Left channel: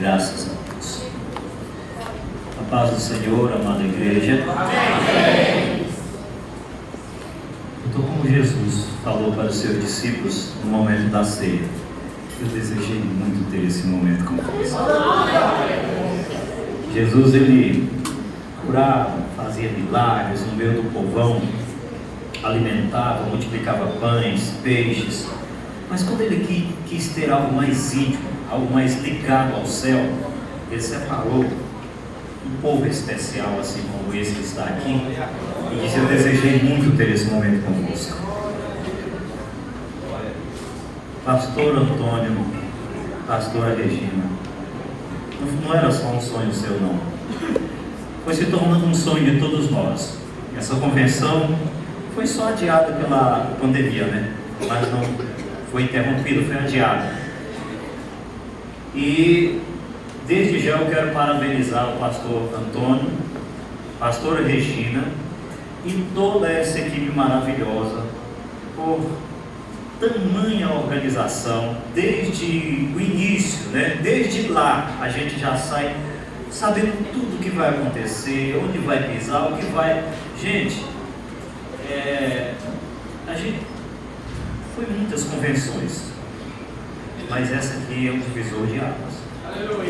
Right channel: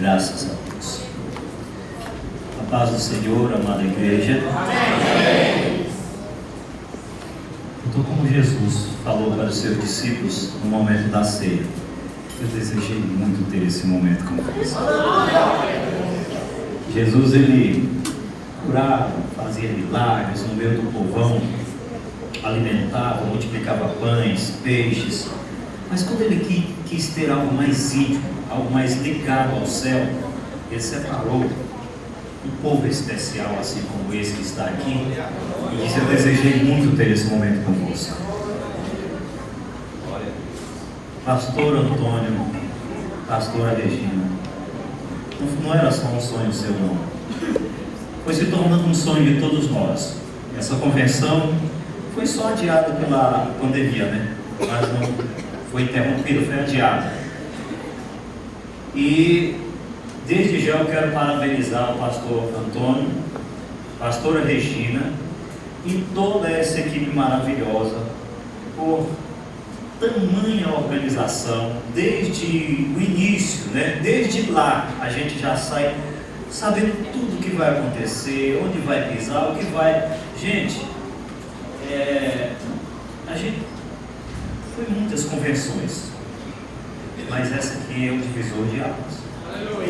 Graças a Deus. A paz do Senhor, amada igreja. Amém. Então, como Jesus falou para os seus discípulos no momento da ceia, eu desejei muito ter esse momento com vocês. Jesus, ele curava, fazia milagres no meio do povão, alimentava, multiplicava pães, peixes, mas quando ele quis ter algo mais íntimo, algo mais ligado ao céu, ele separou um povo especial, assim como esse que está aqui, e disse: eu desejei muito ter esse momento com você. Pastor Antônio, pastora Regina, não era só um sonho seu, não. Foi se tornando um sonho de todos nós. Essa convenção foi só adiada pela pandemia, né? Mas não foi interrompida, foi adiada. E desde já eu quero parabenizar o pastor Antônio, pastora Regina e toda essa equipe maravilhosa por tamanha organização, desde o início, né? Desde lá a gente já sai sabendo tudo o que vai acontecer, onde vai pisar, o que vai... Gente, a gente foi muitas convenções, mas essa aqui é um divisor de águas.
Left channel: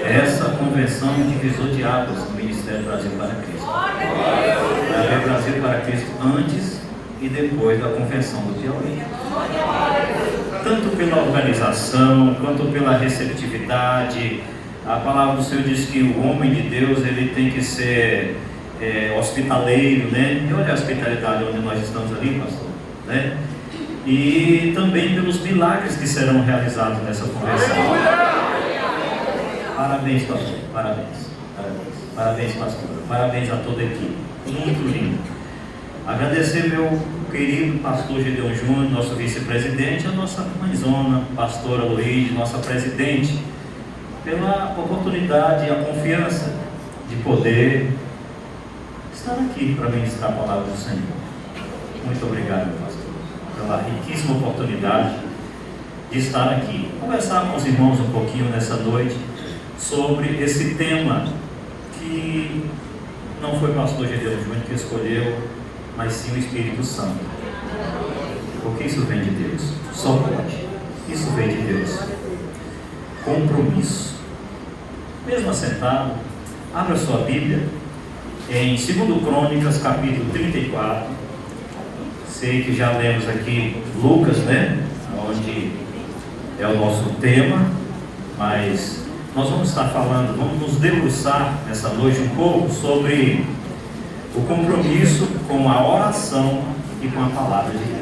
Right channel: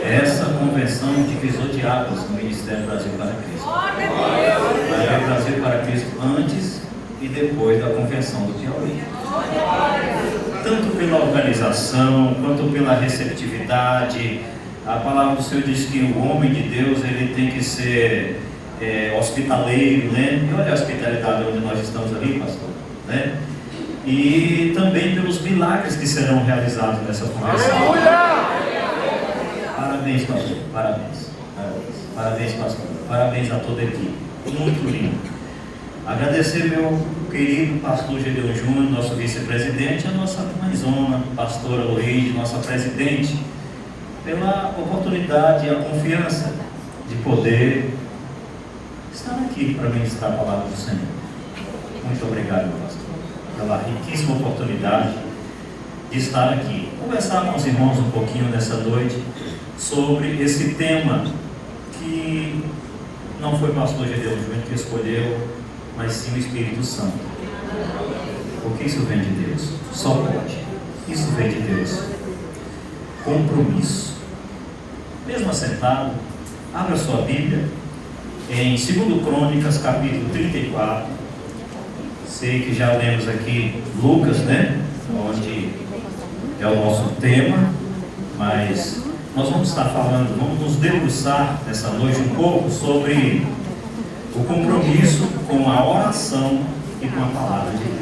Essa convenção é um divisor de águas no Ministério Brasil para Cristo. Brasil para Cristo antes e depois da convenção do Piauí. Tanto pela organização, quanto pela receptividade. A palavra do Senhor diz que o homem de Deus, ele tem que ser hospitaleiro, né? E olha a hospitalidade onde nós estamos ali, pastor, né? E também pelos milagres que serão realizados nessa convenção. Parabéns, pastor, parabéns, pastor, parabéns a toda a equipe, muito lindo. Agradecer meu querido pastor Gedeon Júnior, nosso vice-presidente, a nossa mãezona, pastora Luiz, nossa presidente, pela oportunidade e a confiança de poder estar aqui para ministrar a palavra do Senhor. Muito obrigado, pastor, pela riquíssima oportunidade de estar aqui, conversar com os irmãos um pouquinho nessa noite sobre esse tema que não foi o pastor Gedeon Júnior que escolheu, mas sim o Espírito Santo. Porque isso vem de Deus, só pode. Isso vem de Deus. Compromisso. Mesmo assentado, abra sua Bíblia em 2 Crônicas, capítulo 34. Sei que já lemos aqui Lucas, né? Onde é o nosso tema, mas nós vamos estar falando, vamos nos debruçar nessa noite um pouco sobre o compromisso com a oração e com a palavra de Deus.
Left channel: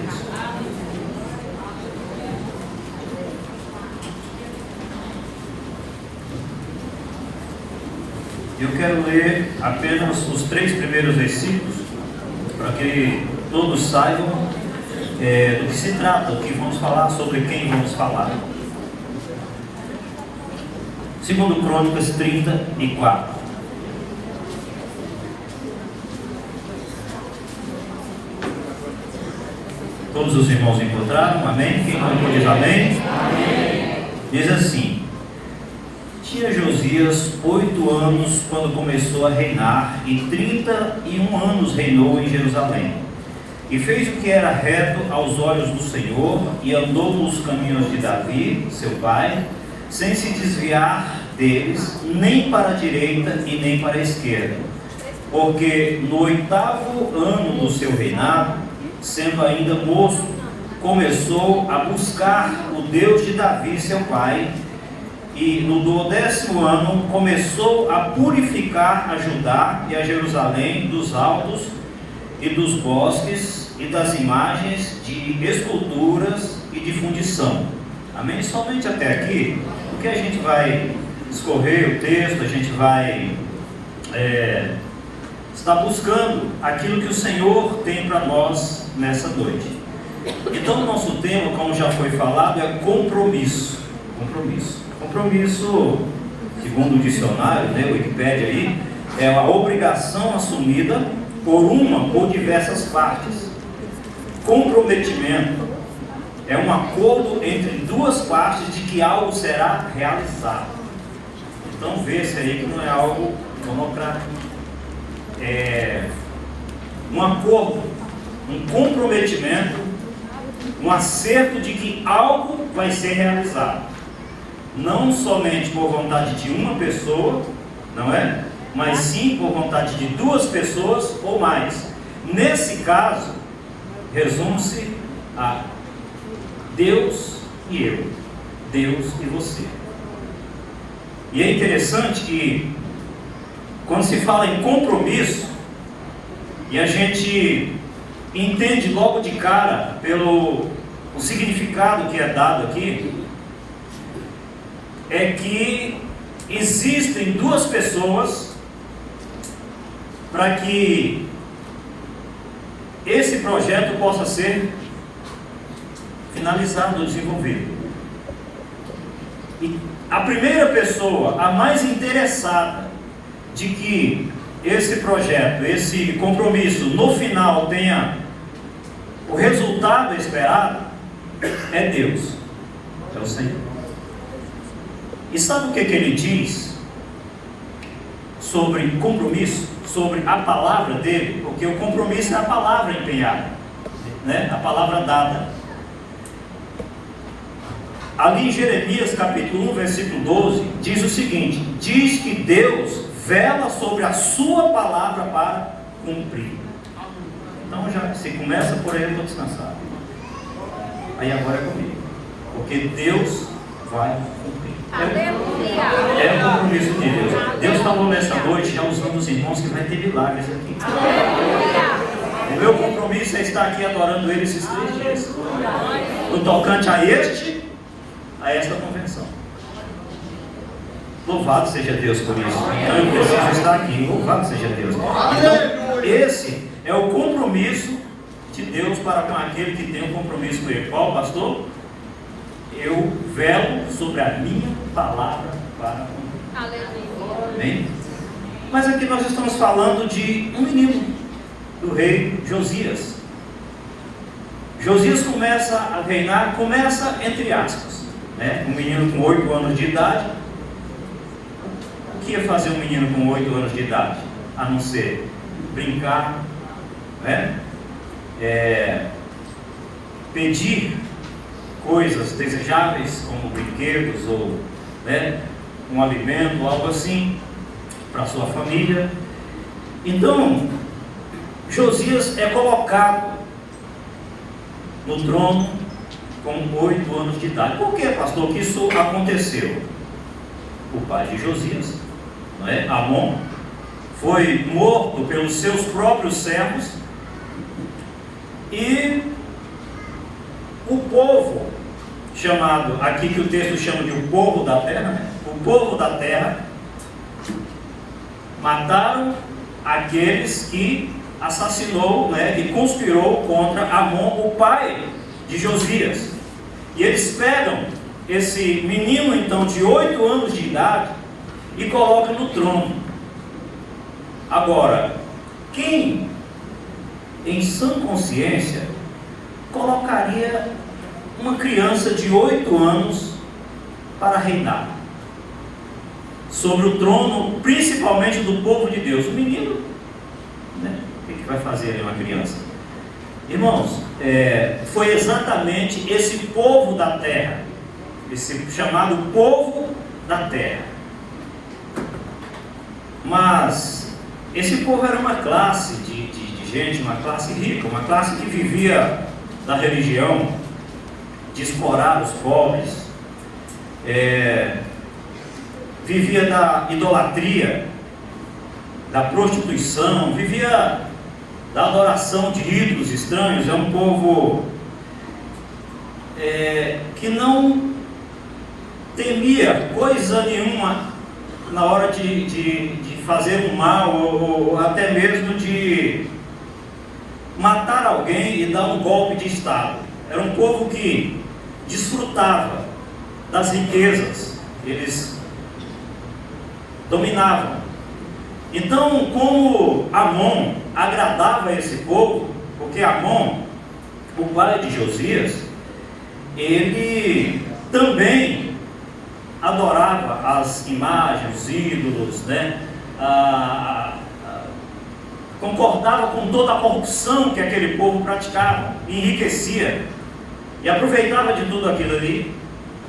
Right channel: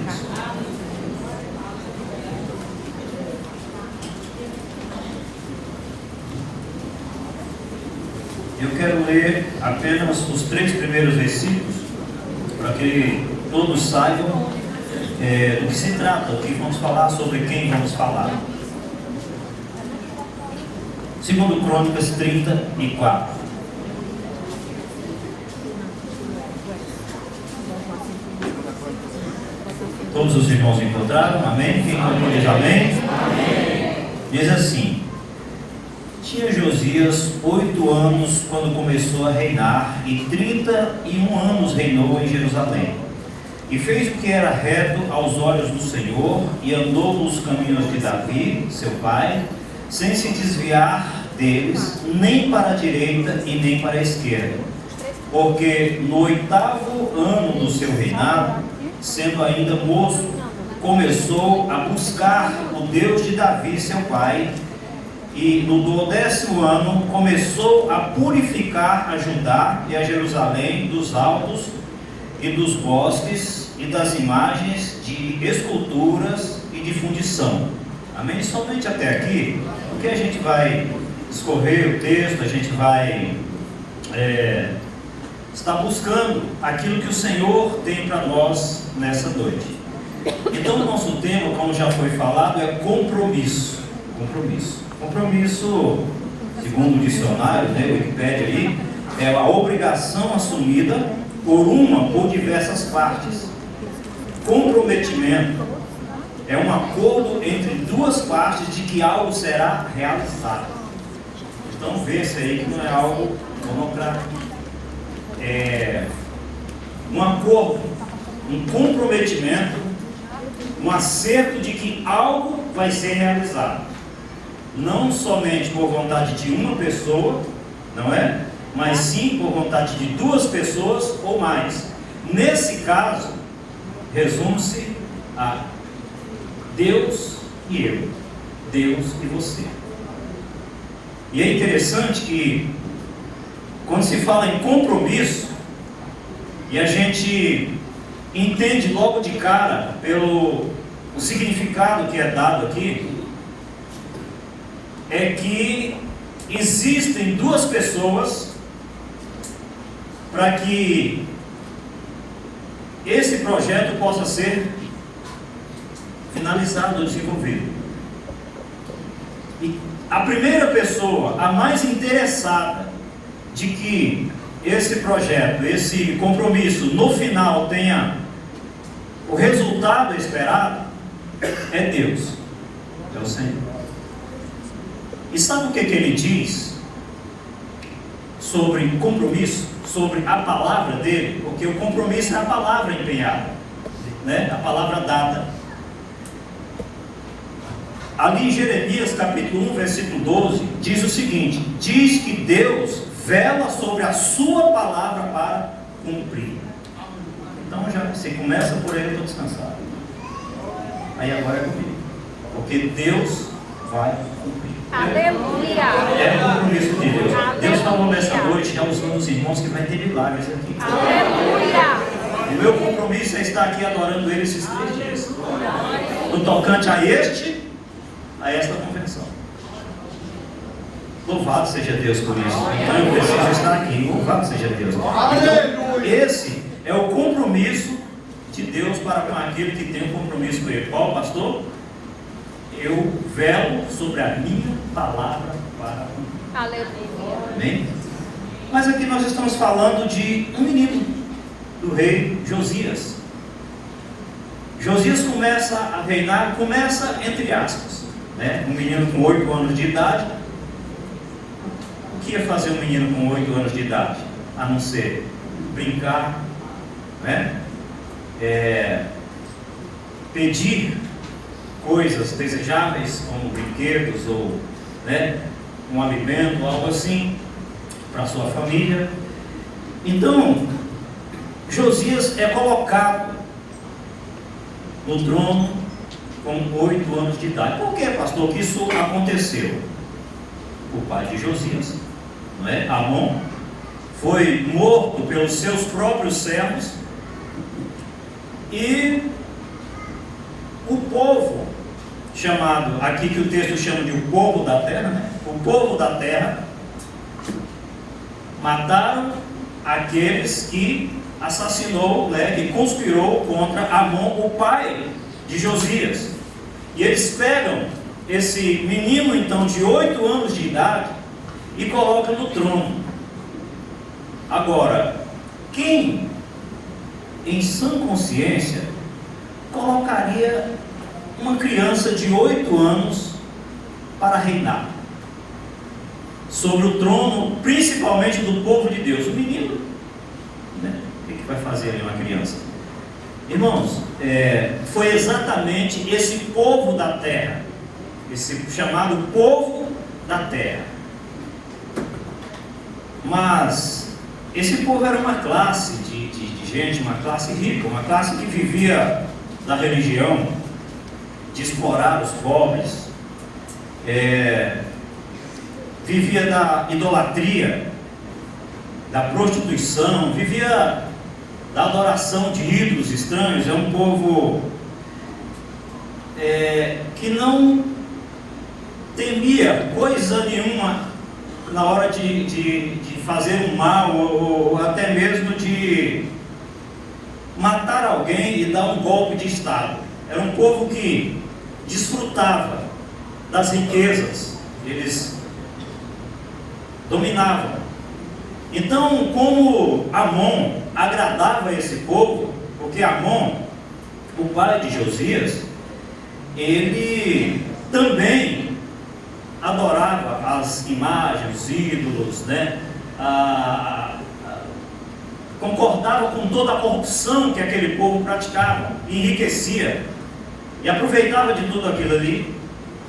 Eu quero ler apenas os 3 primeiros versículos, para que todos saibam do que se trata, o que vamos falar, sobre quem vamos falar. 2 Crônicas 34. Todos os irmãos encontraram? Amém? Quem não diz amém? Amém? Diz assim: tinha Josias 8 anos quando começou a reinar, e 31 anos reinou em Jerusalém. E fez o que era reto aos olhos do Senhor, e andou nos caminhos de Davi, seu pai, sem se desviar deles, nem para a direita e nem para a esquerda. Porque no 8º ano do seu reinado, sendo ainda moço, começou a buscar o Deus de Davi, seu pai, e no 12º ano começou a purificar a Judá e a Jerusalém dos altos e dos bosques e das imagens de esculturas e de fundição. Amém? Somente até aqui, porque a gente vai escorrer o texto, a gente vai estar buscando aquilo que o Senhor tem para nós nessa noite. Então, o nosso tema, como já foi falado, é compromisso. Compromisso, segundo o dicionário, né, o Wikipédia aí, é a obrigação assumida por uma ou diversas partes. Comprometimento é um acordo entre duas partes de que algo será realizado. Então vê-se aí que não é algo monocrático. É um acordo, um comprometimento, um acerto de que algo vai ser realizado. Não somente por vontade de uma pessoa, não é? Mas sim por vontade de duas pessoas ou mais. Nesse caso, resume-se a Deus e eu, Deus e você. E é interessante que, quando se fala em compromisso, e a gente entende logo de cara pelo o significado que é dado aqui, é que existem duas pessoas para que esse projeto possa ser finalizado, desenvolvido. E a primeira pessoa, a mais interessada de que esse projeto, esse compromisso, no final tenha o resultado esperado, é Deus, é o Senhor. E sabe o que ele diz sobre compromisso, sobre a palavra dele? Porque o compromisso é a palavra empenhada, né? A palavra dada. Ali em Jeremias capítulo 1, versículo 12, diz o seguinte: diz que Deus vela sobre a sua palavra para cumprir. Então já se começa por ele, eu estou descansado. Aí agora é comigo, porque Deus vai cumprir. Aleluia! É o compromisso de Deus. Deus falou nessa noite aos meus irmãos que vai ter milagres aqui. Aleluia! O meu compromisso é estar aqui adorando Ele esses 3 dias. No tocante a esta convenção. Louvado seja Deus por isso. Então eu preciso estar aqui. Louvado seja Deus. Então, esse é o compromisso de Deus para com aquele que tem um compromisso com Ele. Qual, pastor? Eu velo sobre a minha palavra para cumprir. Amém? Mas aqui nós estamos falando de um menino, do rei Josias. Josias começa a reinar, começa entre aspas, né? Um menino com 8 anos de idade. O que ia fazer um menino com 8 anos de idade? A não ser brincar, né? Pedir coisas desejáveis, como brinquedos ou, né, um alimento, algo assim, para sua família. Então, Josias é colocado no trono com 8 anos de idade. Por que, pastor, que isso aconteceu? O pai de Josias, não é? Amon, foi morto pelos seus próprios servos, e o povo, chamado, aqui que o texto chama de o povo da terra, né? O povo da terra, mataram aqueles que assassinou, né, que conspirou contra Amon, o pai de Josias. E eles pegam esse menino, então, de 8 anos de idade e colocam no trono. Agora, quem, em sã consciência, colocaria uma criança de 8 anos para reinar sobre o trono, principalmente do povo de Deus? O menino, né? O que vai fazer uma criança? Irmãos, foi exatamente esse povo da terra, esse chamado povo da terra. Mas esse povo era uma classe de gente, uma classe rica, uma classe que vivia da religião, de explorar os pobres, vivia da idolatria, da prostituição, vivia da adoração de ídolos estranhos. É um povo que não temia coisa nenhuma na hora de fazer um mal, ou até mesmo de matar alguém e dar um golpe de Estado. Era um povo que desfrutava das riquezas, eles dominavam. Então, como Amon agradava esse povo, porque Amon, o pai de Josias, ele também adorava as imagens, os ídolos, né? Concordava com toda a corrupção que aquele povo praticava, enriquecia e aproveitava de tudo aquilo ali.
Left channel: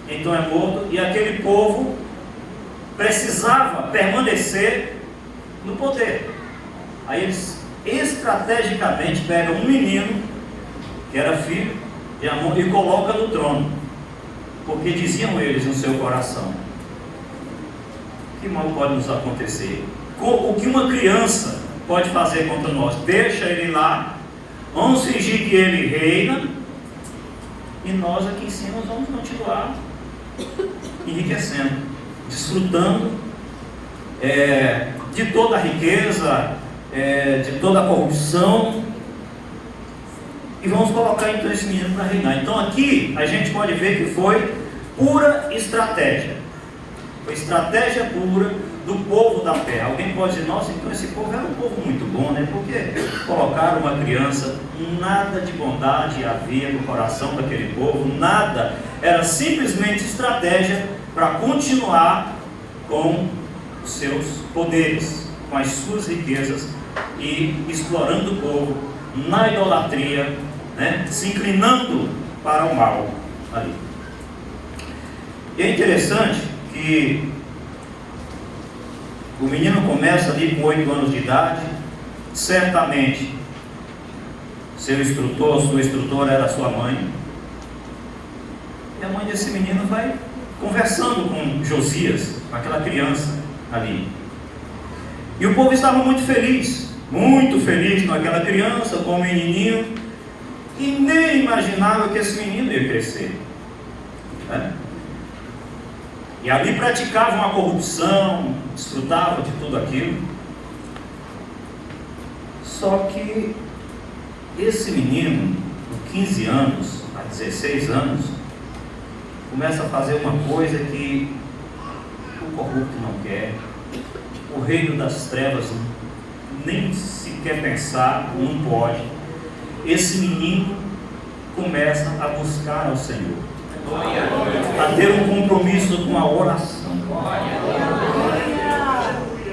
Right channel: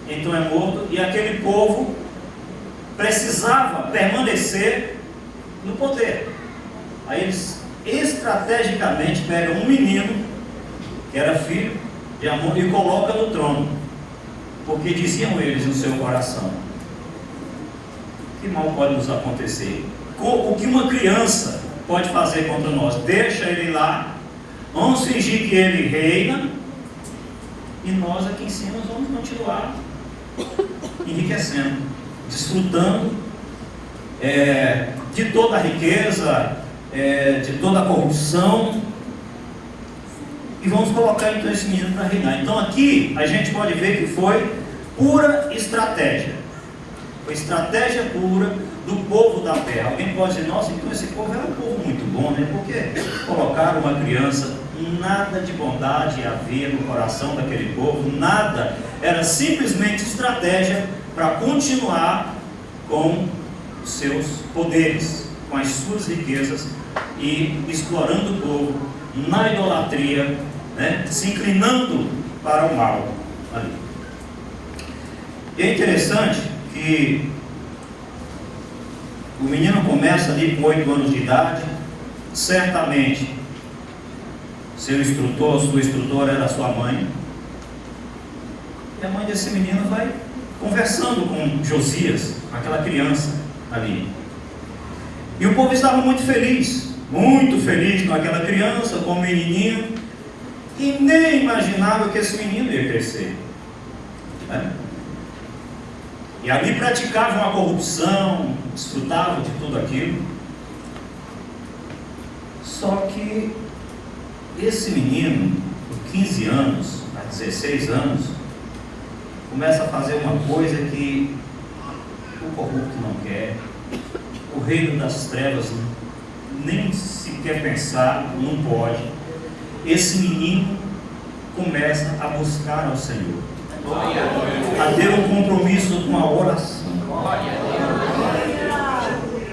Então é morto, e aquele povo precisava permanecer no poder. Aí eles estrategicamente pegam um menino que era filho de Amon e colocam no trono, porque diziam eles no seu coração: que mal pode nos acontecer? O que uma criança pode fazer contra nós? Deixa ele lá, vamos fingir que ele reina, e nós aqui em cima vamos continuar enriquecendo, desfrutando de toda a riqueza, de toda a corrupção, e vamos colocar então esse menino para reinar. Então aqui a gente pode ver que foi pura estratégia, foi estratégia pura do povo da terra. Alguém pode dizer: nossa, então esse povo era um povo muito bom, né? Porque colocaram uma criança. Nada de bondade havia no coração daquele povo, nada, era simplesmente estratégia para continuar com os seus poderes, com as suas riquezas, e explorando o povo na idolatria, né? Se inclinando para o mal ali. E é interessante que o menino começa ali com 8 anos de idade. Certamente seu instrutor, sua instrutora era sua mãe, e a mãe desse menino vai conversando com Josias, com aquela criança ali, e o povo estava muito feliz com aquela criança, com o menininho, e nem imaginava que esse menino ia crescer, né? E ali praticavam a corrupção, desfrutavam de tudo aquilo. Só que esse menino, com 15 anos a 16 anos, começa a fazer uma coisa que o corrupto não quer, o reino das trevas nem sequer pensar, não pode. Esse menino começa a buscar ao Senhor, a ter um compromisso com a oração.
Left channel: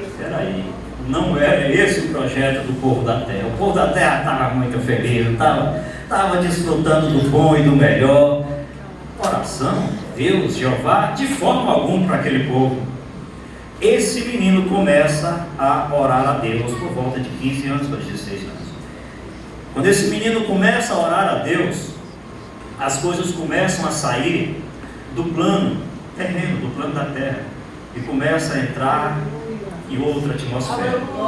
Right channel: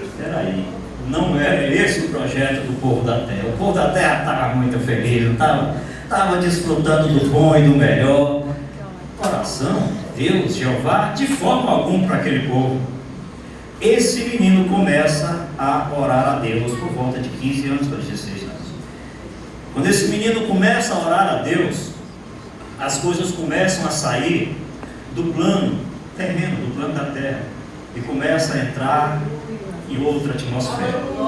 Espera aí, não era esse o projeto do povo da terra. O povo da terra estava muito feliz, estava desfrutando do bom e do melhor. Oração, Deus, Jeová, de forma alguma para aquele povo. Esse menino começa a orar a Deus por volta de 15 anos para 16 anos. Quando esse menino começa a orar a Deus, as coisas começam a sair do plano terreno, do plano da terra, e começa a entrar em outra atmosfera. O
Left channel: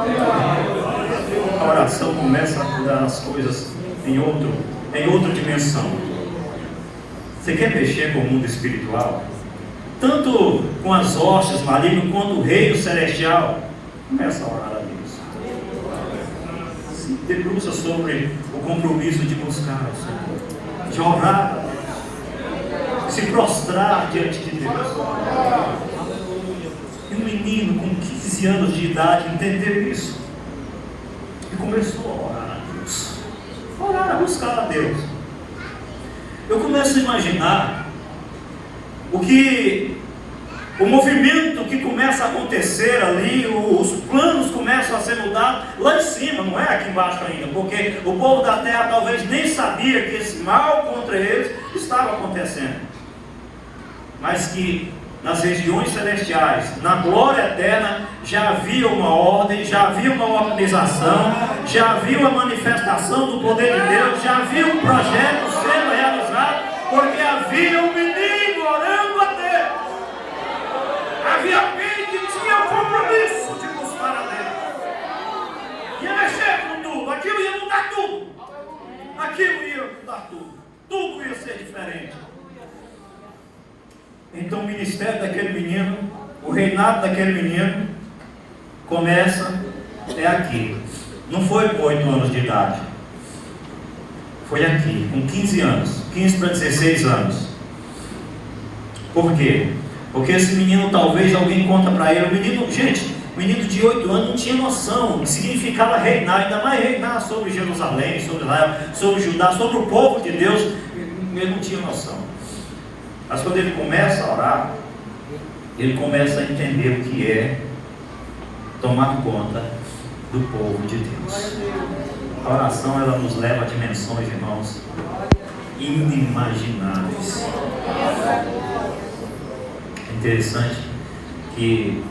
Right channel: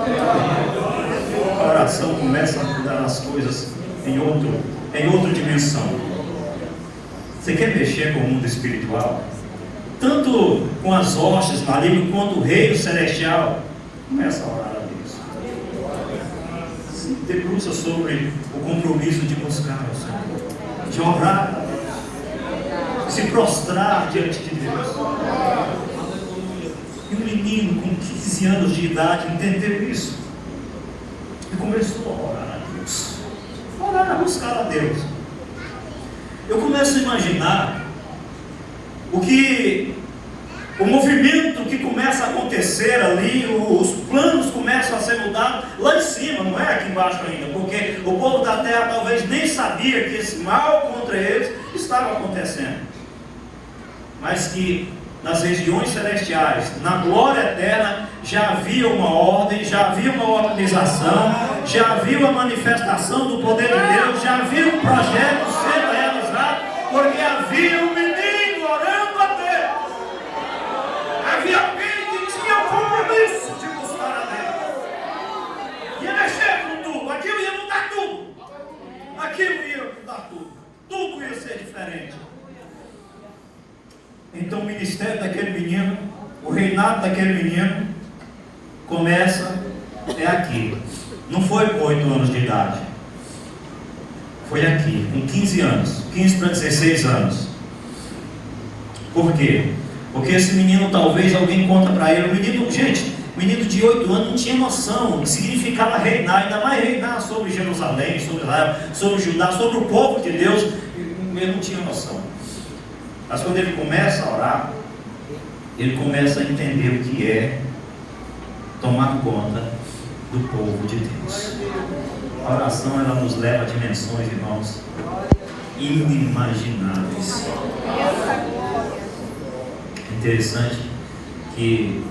coração começa a mudar as coisas em outra dimensão. Você quer mexer com o mundo espiritual? Tanto com as hostes malignas quanto o reino celestial. Começa a orar a Deus. Se debruça sobre o compromisso de buscar ao Senhor, de orar, se prostrar diante de Deus. E um menino com 15 anos de idade entendeu isso e começou a orar a Deus, a buscar a Deus. Eu começo a imaginar o movimento que começa a acontecer ali, os planos começam a ser mudados lá em cima, não é aqui embaixo ainda, porque o povo da terra talvez nem sabia que esse mal contra eles estava acontecendo, mas que nas regiões celestiais, na glória eterna, já havia uma ordem, já havia uma organização, já havia uma manifestação do poder de Deus, já havia um projeto sendo realizado, porque havia um menino orando a Deus, havia alguém que tinha compromisso de buscar a Deus, ia mexer com tudo, aquilo ia mudar tudo, tudo ia ser diferente. Então o ministério daquele menino, o reinado daquele menino começa aqui. Não foi com 8 anos de idade, foi aqui, com 15 anos, 15 para 16 anos. Por quê? Porque esse menino, talvez alguém conta para ele, menino de 8 anos não tinha noção do que significava reinar, ainda mais reinar sobre Jerusalém, sobre Israel, sobre Judá, sobre o povo de Deus. Ele não tinha noção. Mas quando ele começa a orar, ele começa a entender o que é tomar conta do povo de Deus. A oração, ela nos leva a dimensões, irmãos, inimagináveis. Interessante que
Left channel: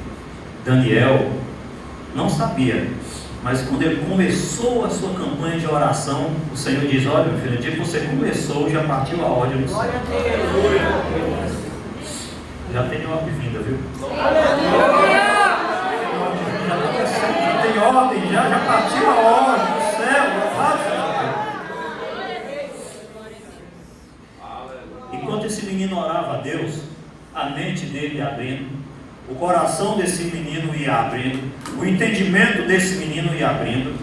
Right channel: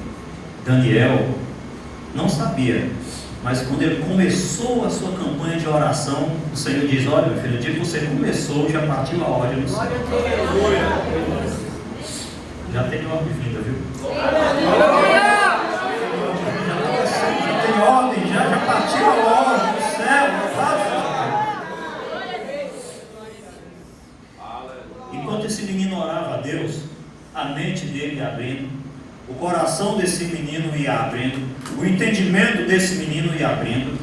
Daniel não sabia, mas quando ele começou a sua campanha de oração, o Senhor diz: olha, meu filho, no dia que você começou, já partiu a ordem do céu. Já tem ordem vinda, viu? Já tem ordem, já partiu a ordem do céu. Enquanto esse menino orava a Deus, a mente dele ia abrindo, o coração desse menino ia abrindo, o entendimento desse menino ia abrindo.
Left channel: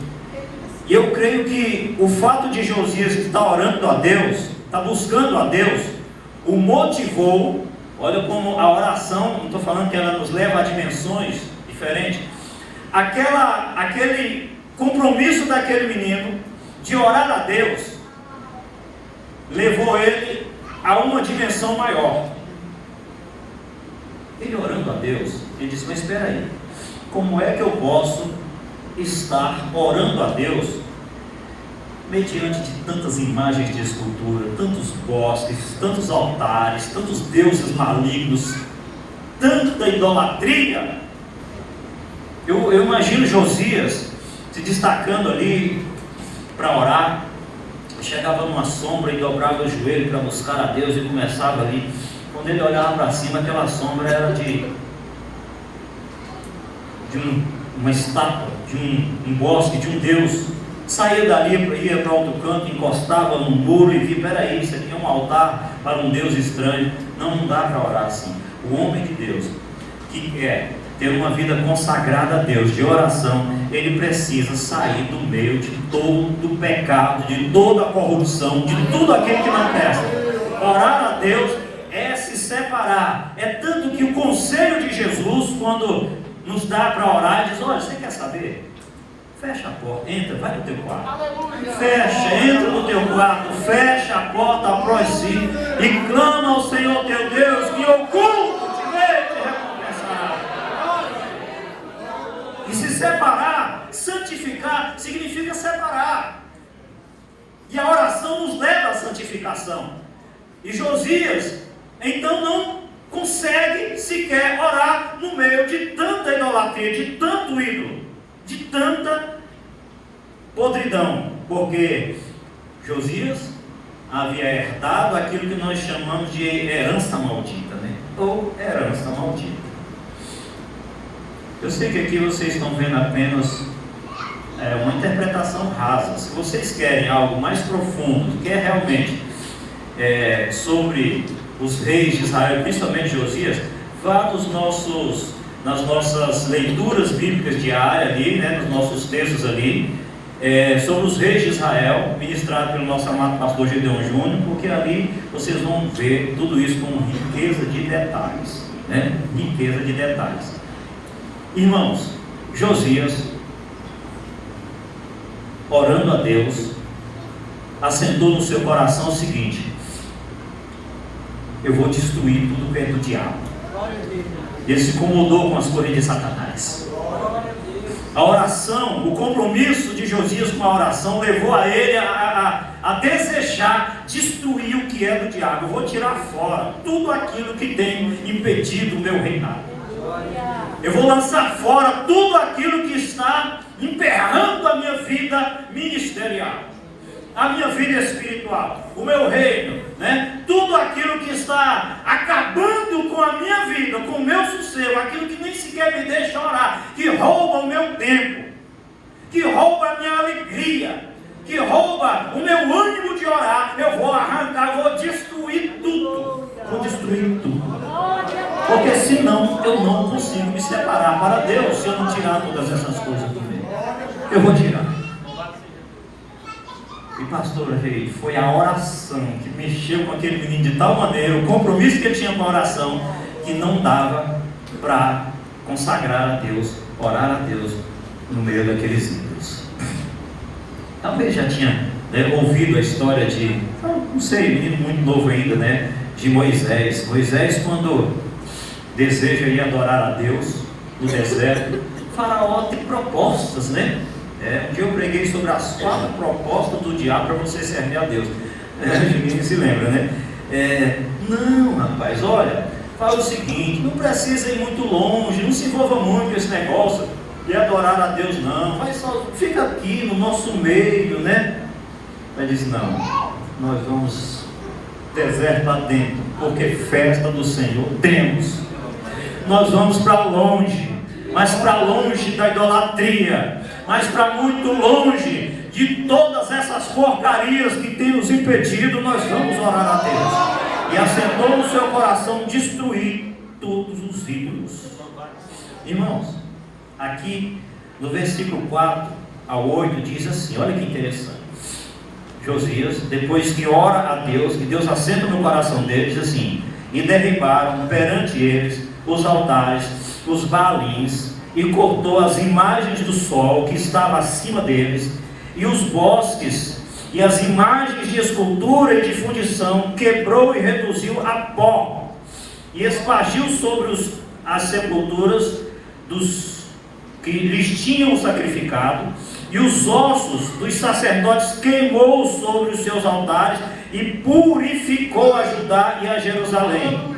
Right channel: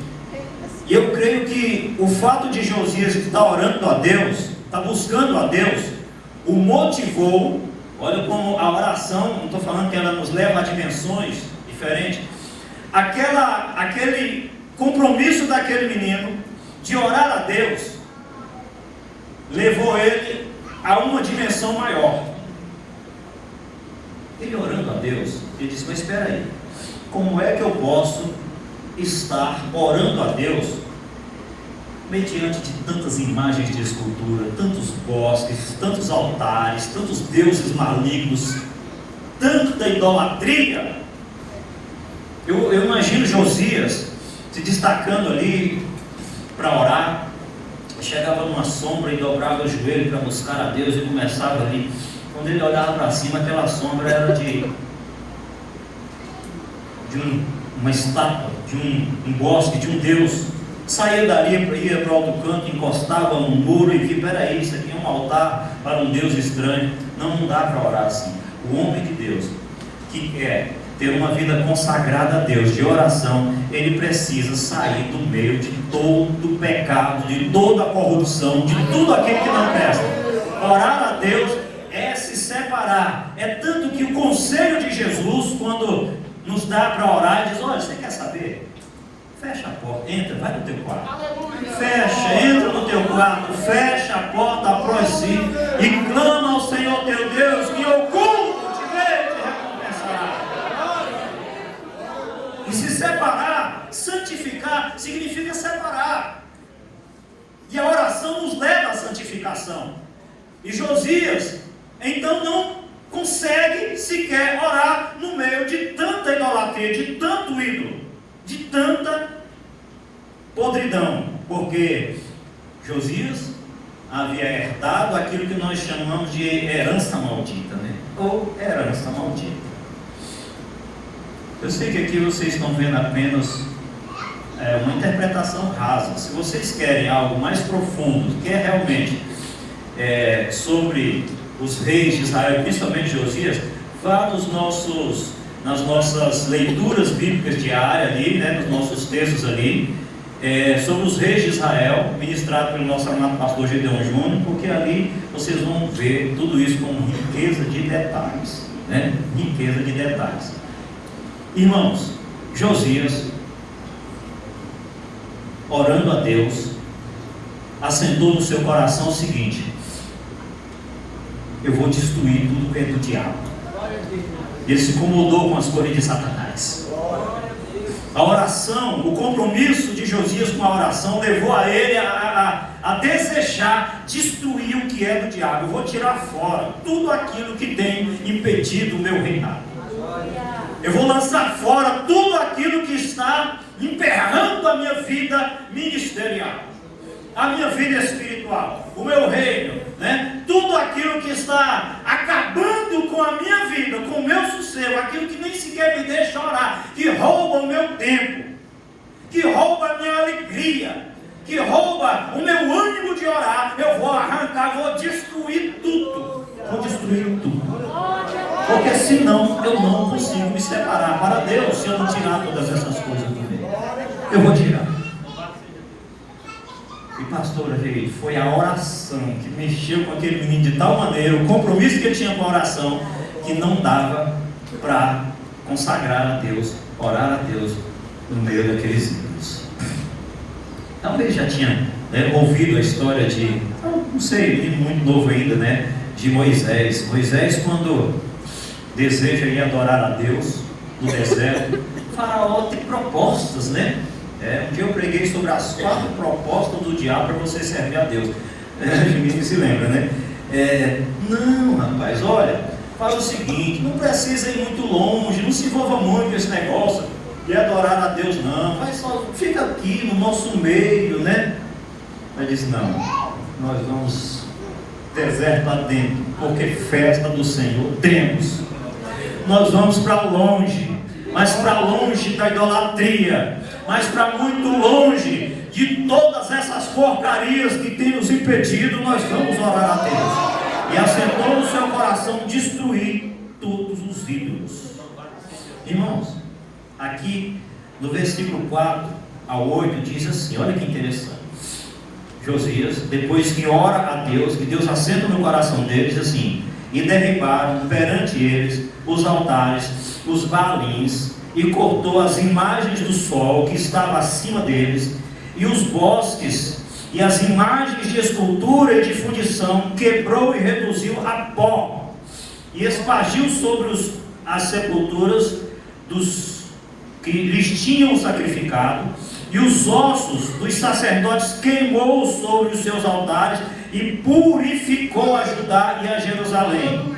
E eu creio que o fato de Josias estar orando a Deus, estar buscando a Deus, o motivou. Olha como a oração, não estou falando que ela nos leva a dimensões diferentes. Aquele compromisso daquele menino de orar a Deus levou ele a uma dimensão maior. Ele orando a Deus, ele disse: mas espera aí, como é que eu posso estar orando a Deus mediante de tantas imagens de escultura, tantos bosques, tantos altares, tantos deuses malignos, tanta idolatria? Eu imagino Josias se destacando ali para orar. Chegava numa sombra e dobrava o joelho para buscar a Deus e começava ali. Quando ele olhava para cima, aquela sombra era de uma estátua, de um bosque, de um Deus. Saía dali, ia para outro canto, encostava num muro e via: peraí, isso aqui é um altar para um Deus estranho. Não dá para orar assim. O homem de Deus, que quer ter uma vida consagrada a Deus, de oração, ele precisa sair do meio de todo o pecado, de toda a corrupção, de tudo aquilo que não presta. Orar a Deus é se separar. É tanto que o conselho de Jesus, quando nos dá para orar, diz: olha, você quer saber? Fecha a porta, entra, vai no teu quarto. Fecha, entra no teu quarto, fecha a porta após si e clama ao Senhor teu Deus, que oculto te recompensará. E se separar, santificar, significa separar. E a oração nos leva à santificação. E Josias, então, não consegue sequer orar no meio de tanta idolatria, de tanto ídolo, de tanta podridão, porque Josias havia herdado aquilo que nós chamamos de herança maldita, né? Ou herança maldita. Eu sei que aqui vocês estão vendo apenas uma interpretação rasa. Se vocês querem algo mais profundo, que é realmente sobre os reis de Israel, principalmente Josias, vá nas nossas leituras bíblicas diárias ali, né, nos nossos textos ali, sobre os reis de Israel, ministrado pelo nosso amado pastor Gideon Júnior, porque ali vocês vão ver tudo isso com riqueza de detalhes, né? Riqueza de detalhes. Irmãos, Josias, orando a Deus, assentou no seu coração o seguinte: eu vou destruir tudo que é do diabo. E ele se incomodou com as coisas de Satanás. A oração, o compromisso de Josias com a oração levou a ele a desejar destruir o que é do diabo. Eu vou tirar fora tudo aquilo que tem impedido o meu reinado. Eu vou lançar fora tudo aquilo que está emperrando a minha vida ministerial, a minha vida espiritual, o meu reino, né? Tudo aquilo que está acabando com a minha vida, com o meu sossego, aquilo que nem sequer me deixa orar, que rouba o meu tempo, que rouba a minha alegria, que rouba o meu ânimo de orar. Eu vou arrancar, vou destruir tudo. Vou destruir tudo. Porque senão eu não consigo me separar para Deus se eu não tirar todas essas coisas do meio. Eu vou tirar. E pastor, foi a oração que mexeu com aquele menino de tal maneira, o compromisso que ele tinha com a oração, que não dava para consagrar a Deus, orar a Deus no meio daqueles ídolos. Talvez já tinha ouvido a história de, não sei, menino muito novo ainda, né? De Moisés. Moisés, quando deseja ir adorar a Deus no deserto. Faraó tem propostas, né? Um dia eu preguei sobre as 4 propostas do diabo para você servir a Deus. Ninguém se lembra, né? Não, rapaz, olha, fala o seguinte: não precisa ir muito longe, não se envolva muito com esse negócio de adorar a Deus, não. Mas só fica aqui no nosso meio, né? Ele disse: não, nós vamos deserto adentro, porque festa do Senhor temos. Nós vamos para longe, mas para longe da idolatria, mas para muito longe de todas essas porcarias que tem nos impedido. Nós vamos orar a Deus. E assentou no seu coração destruir todos os ídolos. Irmãos, aqui no versículo 4 ao 8 diz assim, olha que interessante. Josias, depois que ora a Deus, que Deus assenta no coração deles, diz assim: e derribaram perante eles os altares, os baalins, e cortou as imagens do sol que estava acima deles, e os bosques, e as imagens de escultura e de fundição, quebrou e reduziu a pó, e espargiu sobre as sepulturas dos que lhes tinham sacrificado, e os ossos dos sacerdotes queimou sobre os seus altares, e purificou a Judá e a Jerusalém.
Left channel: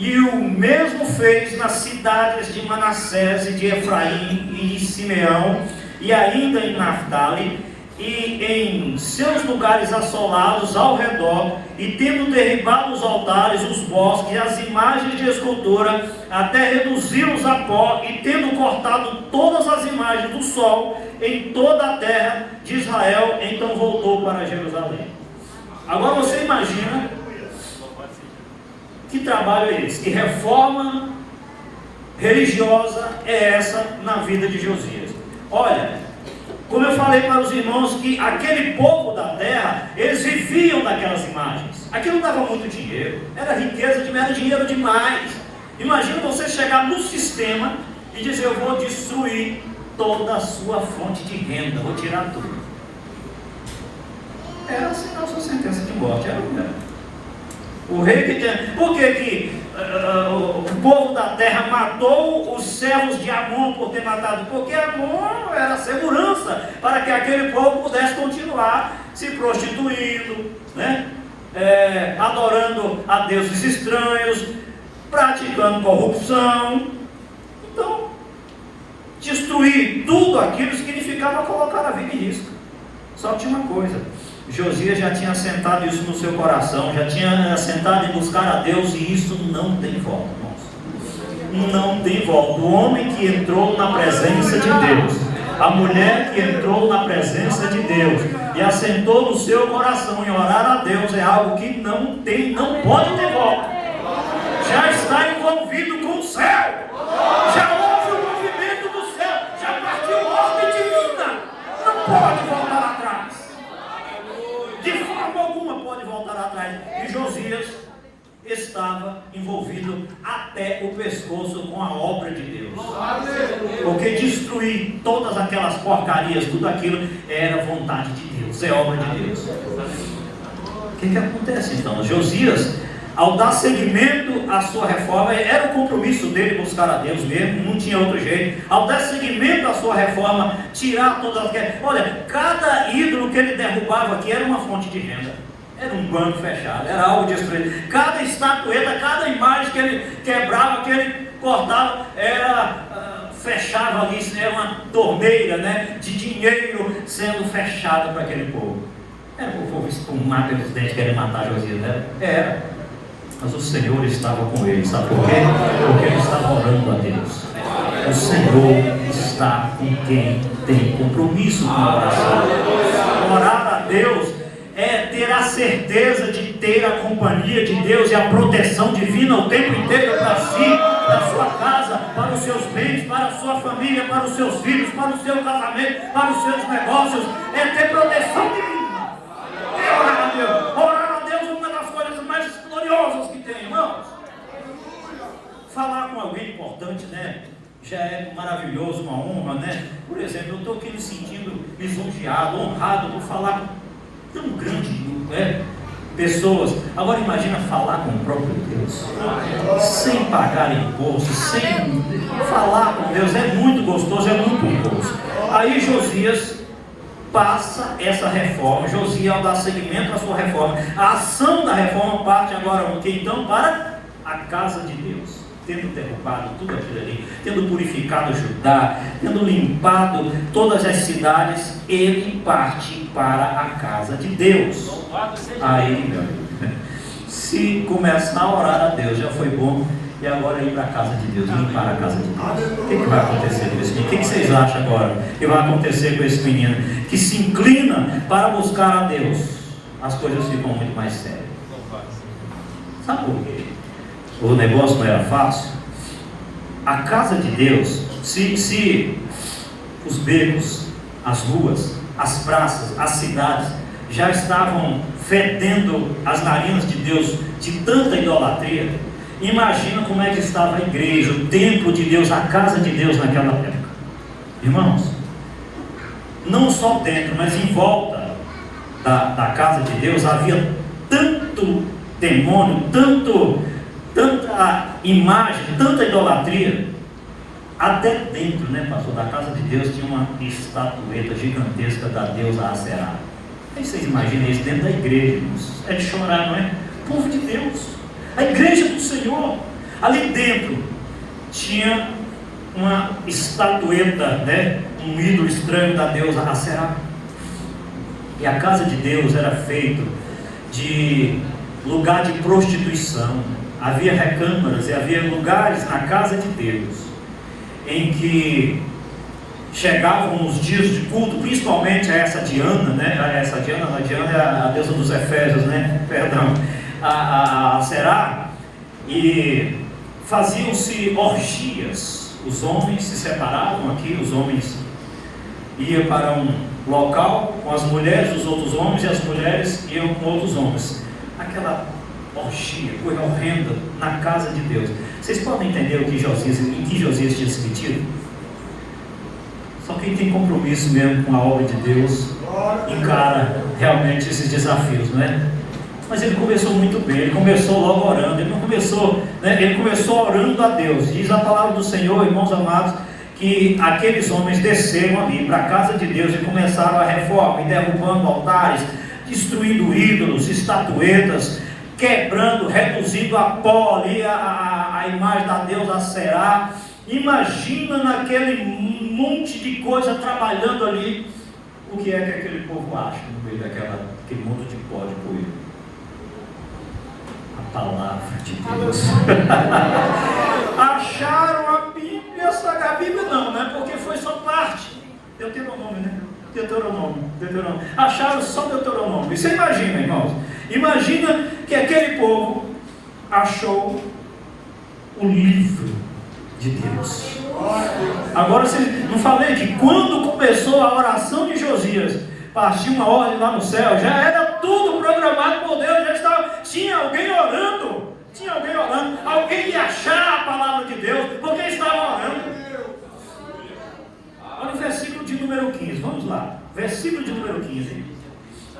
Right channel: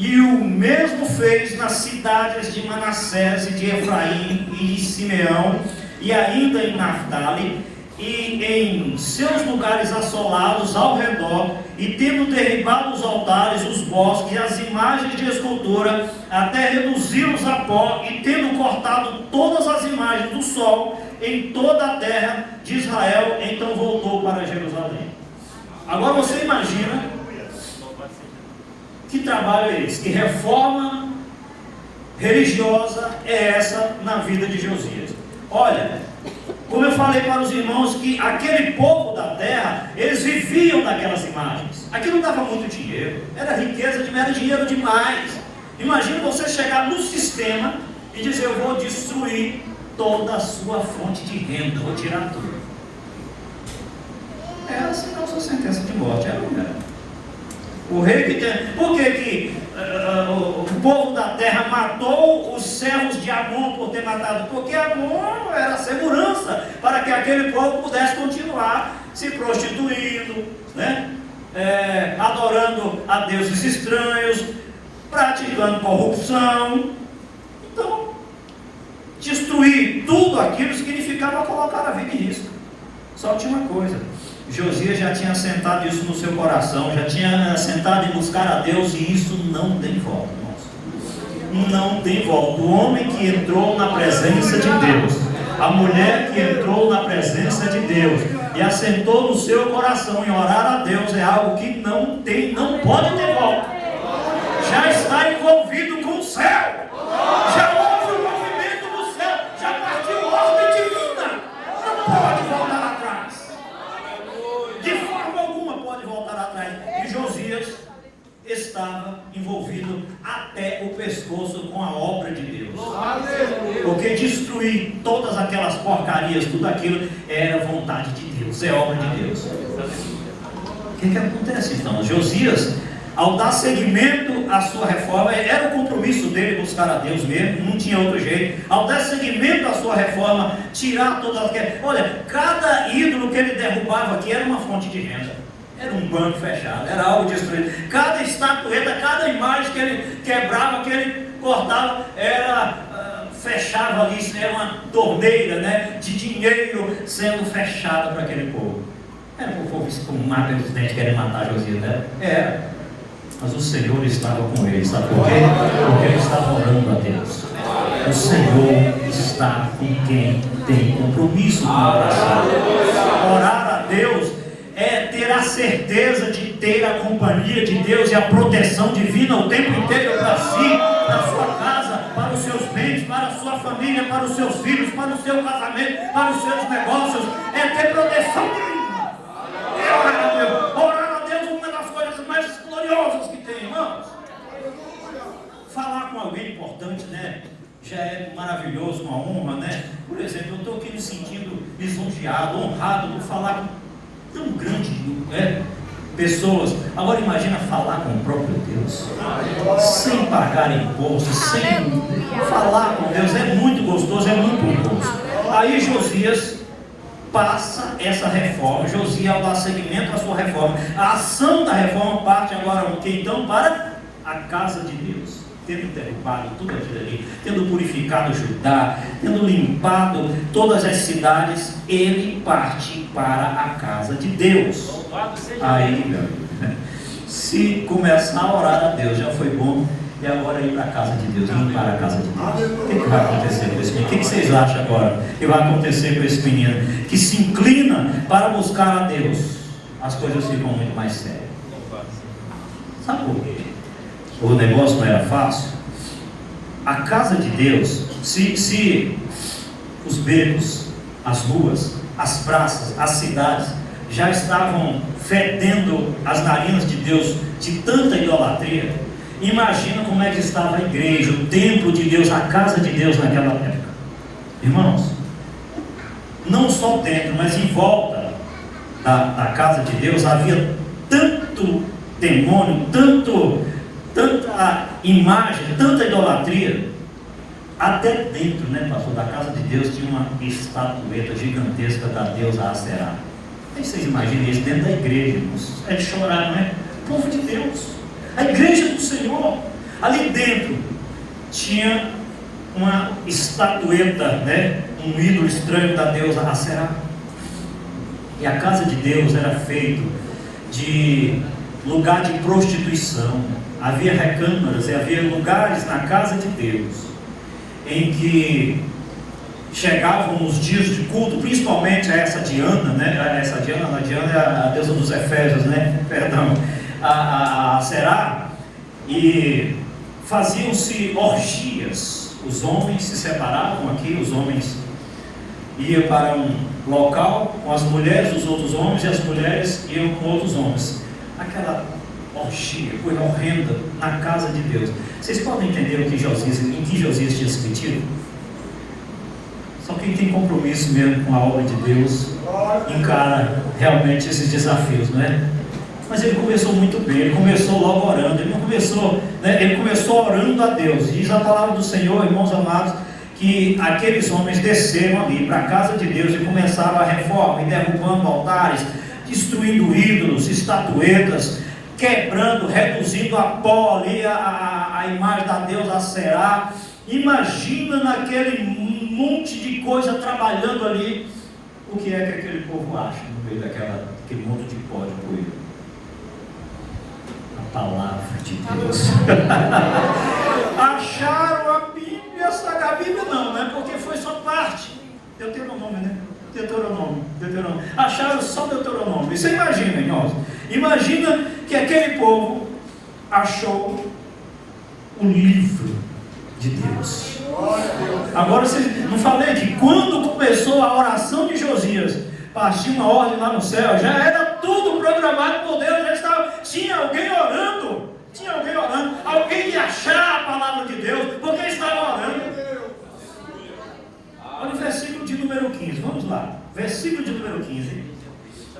E o mesmo fez nas cidades de Manassés e de Efraim e de Simeão, e ainda em Naftali, e em seus lugares assolados ao redor, e tendo derribado os altares, os bosques e as imagens de escultura, até reduzi-los a pó, e tendo cortado todas as imagens do sol em toda a terra de Israel, então voltou para Jerusalém. Agora você imagina que trabalho é esse, que reforma religiosa é essa na vida de Josias. Olha, como eu falei para os irmãos, que aquele povo da terra, eles viviam daquelas imagens. Aquilo não dava muito dinheiro, era riqueza, era dinheiro demais. Imagina você chegar no sistema e dizer: eu vou destruir toda a sua fonte de renda, vou tirar tudo. Era assim a sua sentença de morte, era o rei que tem. Por que o povo da terra matou os servos de Amon por ter matado? Porque Amon era segurança para que aquele povo pudesse continuar se prostituindo, né? Adorando a deuses estranhos, praticando corrupção. Então, destruir tudo aquilo significava colocar a vida em risco. Só tinha uma coisa: Josias já tinha assentado isso no seu coração, já tinha assentado em buscar a Deus, e isso não tem volta, irmãos. Não tem volta. O homem que entrou na presença de Deus, a mulher que entrou na presença de Deus e assentou no seu coração em orar a Deus, é algo que não pode ter volta. Já está envolvido com o céu, já houve o movimento do céu, já partiu ordem divina, não pode voltar atrás. De forma alguma pode voltar atrás. E Josias estava envolvido até o pescoço com a obra de Deus, porque destruir todas aquelas porcarias, tudo aquilo era vontade de Deus, é obra de Deus. O que acontece então? Josias, ao dar seguimento à sua reforma, era o compromisso dele buscar a Deus mesmo, não tinha outro jeito. Ao dar seguimento à sua reforma, tirar todas aquelas... Olha, cada ídolo que ele derrubava aqui era uma fonte de renda, era um banco fechado, era algo destruído. Cada estatueta, cada imagem que ele quebrava, que ele cortava, fechava ali, era uma torneira, né, de dinheiro sendo fechado para aquele povo. Era o povo com mata de dente querendo matar Josias, né? Era. Mas o Senhor estava com ele, sabe por quê? Porque ele estava orando a Deus. O Senhor está com quem tem compromisso com a oração. Orar a Deus é ter a certeza de ter a companhia de Deus e a proteção divina o tempo inteiro para si, para a sua casa, para os seus bens, para a sua família, para os seus filhos, para o seu casamento, para os seus negócios. É ter proteção divina. Orar a Deus. Orar a Deus é uma das coisas mais gloriosas que tem, irmãos. Falar com alguém importante, né? Já é maravilhoso, uma honra, né? Por exemplo, eu estou aqui me sentindo lisonjeado, honrado por falar com tão grande grupo, pessoas. Agora imagina falar com o próprio Deus, sem pagar imposto, sem falar com Deus. É muito gostoso, é muito gostoso. Aí Josias passa essa reforma. Josias dá seguimento à sua reforma. A ação da reforma parte agora o que então? Para a casa de Deus, tendo derrubado tudo aquilo ali, tendo purificado Judá, tendo limpado todas as cidades, ele parte para a casa de Deus. Aí, se começar a orar a Deus, já foi bom, e agora ir para a casa de Deus, limpar a casa de Deus. O que vai acontecer com esse menino? O que vocês acham agora que vai acontecer com esse menino que se inclina para buscar a Deus? As coisas ficam muito mais sérias. Sabe por quê? O negócio não era fácil. A casa de Deus, se os becos, as ruas, as praças, as cidades já estavam fedendo as narinas de Deus de tanta idolatria, imagina como é que estava a igreja, o templo de Deus, a casa de Deus naquela época. Irmãos, não só dentro, mas em volta da casa de Deus havia tanto demônio, tanta imagem, tanta idolatria. Até dentro, né, pastor, da casa de Deus tinha uma estatueta gigantesca da deusa Aserá. Vocês imaginam isso dentro da igreja, irmãos? É de chorar, não é? O povo de Deus, a igreja do Senhor. Ali dentro tinha uma estatueta, né, um ídolo estranho da deusa Aserá. E a casa de Deus era feita de lugar de prostituição. Havia recâmaras e havia lugares na casa de Deus em que chegavam nos dias de culto, principalmente a essa Diana, né? A Diana é a deusa dos Efésios, né? Perdão, a Será, e faziam-se orgias. Os homens se separavam aqui, os homens iam para um local com as mulheres dos outros homens, e as mulheres iam com outros homens. Aquela orgia, coisa horrenda na casa de Deus. Vocês podem entender em que Josias tinha se metido? Só quem tem compromisso mesmo com a obra de Deus encara realmente esses desafios, né? Mas ele começou muito bem, ele começou logo orando, ele não começou, né? Ele começou orando a Deus. Diz a palavra do Senhor, irmãos amados, que aqueles homens desceram ali para a casa de Deus e começaram a reforma, e derrubando altares, destruindo ídolos, estatuetas, quebrando, reduzindo a pó ali a imagem da deusa Será. Imagina naquele monte de coisa trabalhando ali, o que é que aquele povo acha no meio daquele monte de pó de poeira? A palavra de Deus. Acharam a Bíblia, a Bíblia não é porque foi só parte. Deuteronômio, né? Deuteronômio. Acharam só Deuteronômio. Você imagina, irmãos? Imagina que aquele povo achou o livro de Deus. Agora, não falei que quando começou a oração de Josias, partiu uma ordem lá no céu, já era tudo programado por Deus, já estava, tinha alguém orando, alguém ia achar a palavra de Deus, porque estava orando. Olha o versículo de número 15, vamos lá, versículo de número 15.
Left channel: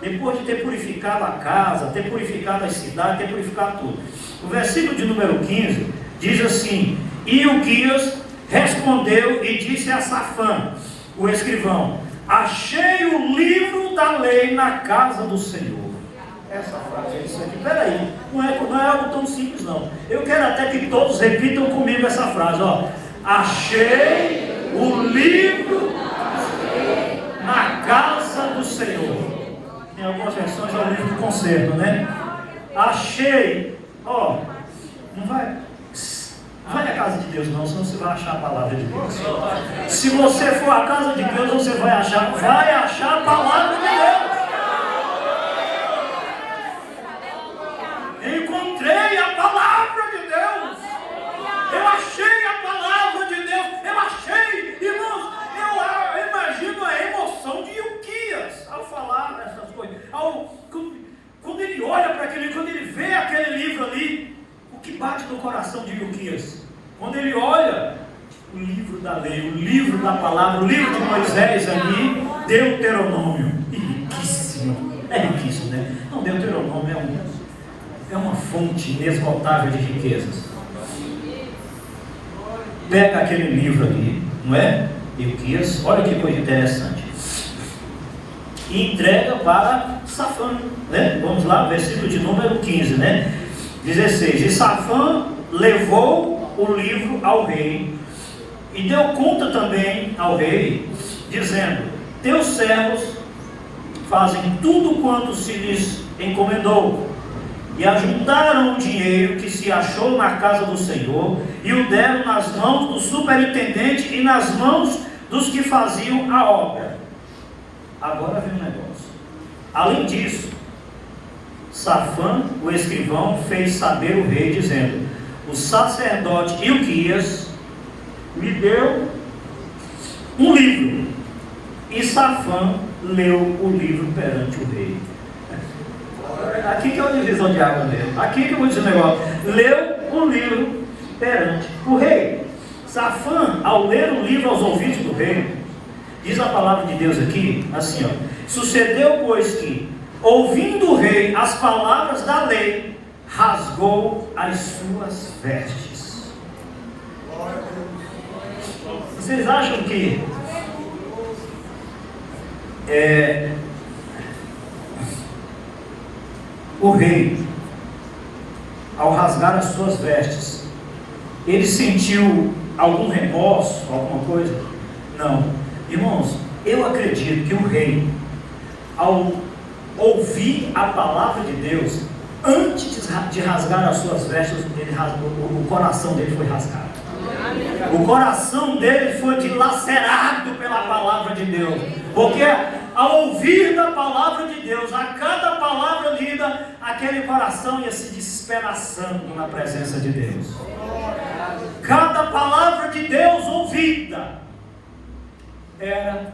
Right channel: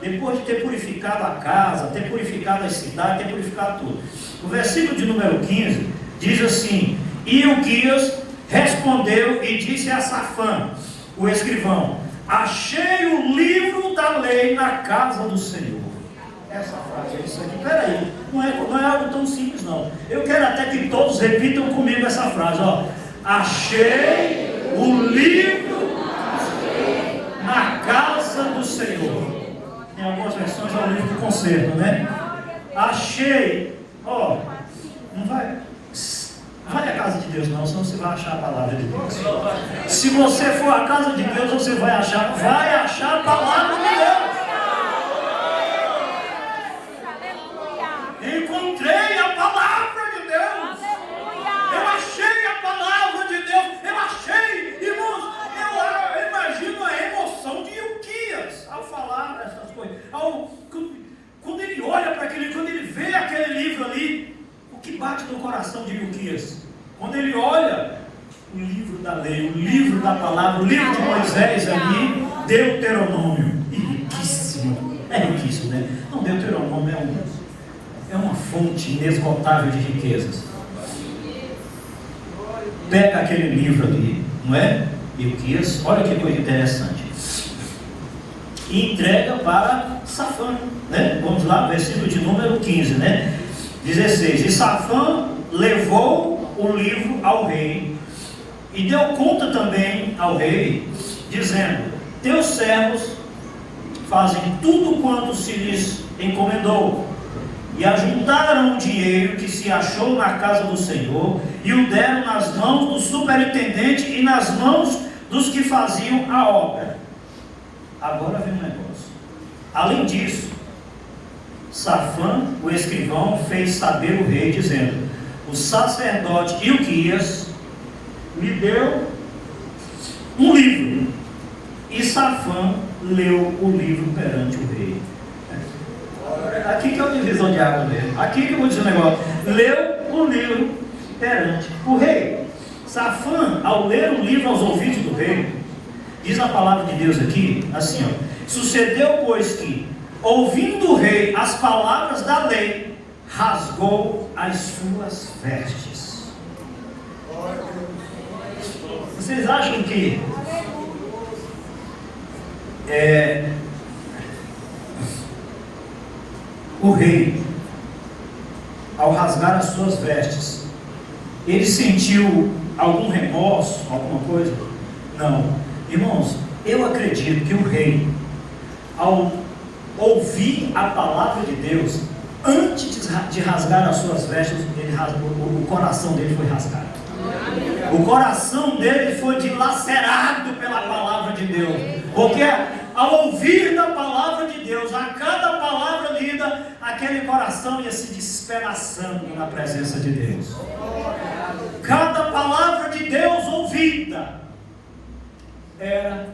Depois de ter purificado a casa, ter purificado a cidade, ter purificado tudo, o versículo de número 15 diz assim: e Ilquias respondeu e disse a Safã, o escrivão: achei o livro da lei na casa do Senhor. Essa frase é isso aqui. Peraí, não é algo tão simples não. Eu quero até que todos repitam comigo essa frase, ó. Achei o livro na casa do Senhor. Em algumas versões é o livro do concerto, né? Achei, ó, não vai à casa de Deus não, senão você vai achar a palavra de Deus. Se você for à casa de Deus, você vai achar a palavra de Deus. Encontrei a palavra de Deus. Eu achei a palavra de Deus. Eu achei, irmãos. Eu imagino a emoção de Ilquias ao falar dessas coisas. Quando ele olha para aquele, quando ele vê aquele livro ali, o que bate no coração de Ilquias? Quando ele olha o livro da lei, o livro da palavra, o livro de Moisés ali, Deuteronômio, riquíssimo, é riquíssimo, né? Não, Deuteronômio como é uma fonte inesgotável de riquezas. Pega aquele livro ali, não é? Ilquias, olha que coisa interessante. E entrega para Safã, né? Vamos lá, versículo de número 15, né? 16. E Safã levou o livro ao rei e deu conta também ao rei, dizendo: teus servos fazem tudo quanto se lhes encomendou. E ajuntaram o dinheiro que se achou na casa do Senhor e o deram nas mãos do superintendente e nas mãos dos que faziam a obra. Agora vem um negócio. Além disso, Safã, o escrivão, fez saber o rei, dizendo: o sacerdote Ilquias me deu um livro. E Safã leu o livro perante o rei. Aqui que é a divisão de água dele. Aqui que eu vou dizer um negócio. Leu o livro perante o rei. Safã, ao ler o livro aos ouvidos do rei, diz a palavra de Deus aqui, assim, ó: sucedeu, pois, que, ouvindo o rei as palavras da lei, rasgou as suas vestes. Vocês acham que o rei, ao rasgar as suas vestes, ele sentiu algum remorso, alguma coisa? Não. Irmãos, eu acredito que o rei, ao ouvir a palavra de Deus, antes de rasgar as suas vestes, o coração dele foi rasgado. O coração dele foi dilacerado pela palavra de Deus. Porque ao ouvir da palavra de Deus, a cada palavra lida, aquele coração ia se despedaçando na presença de Deus. Cada palavra de Deus ouvida era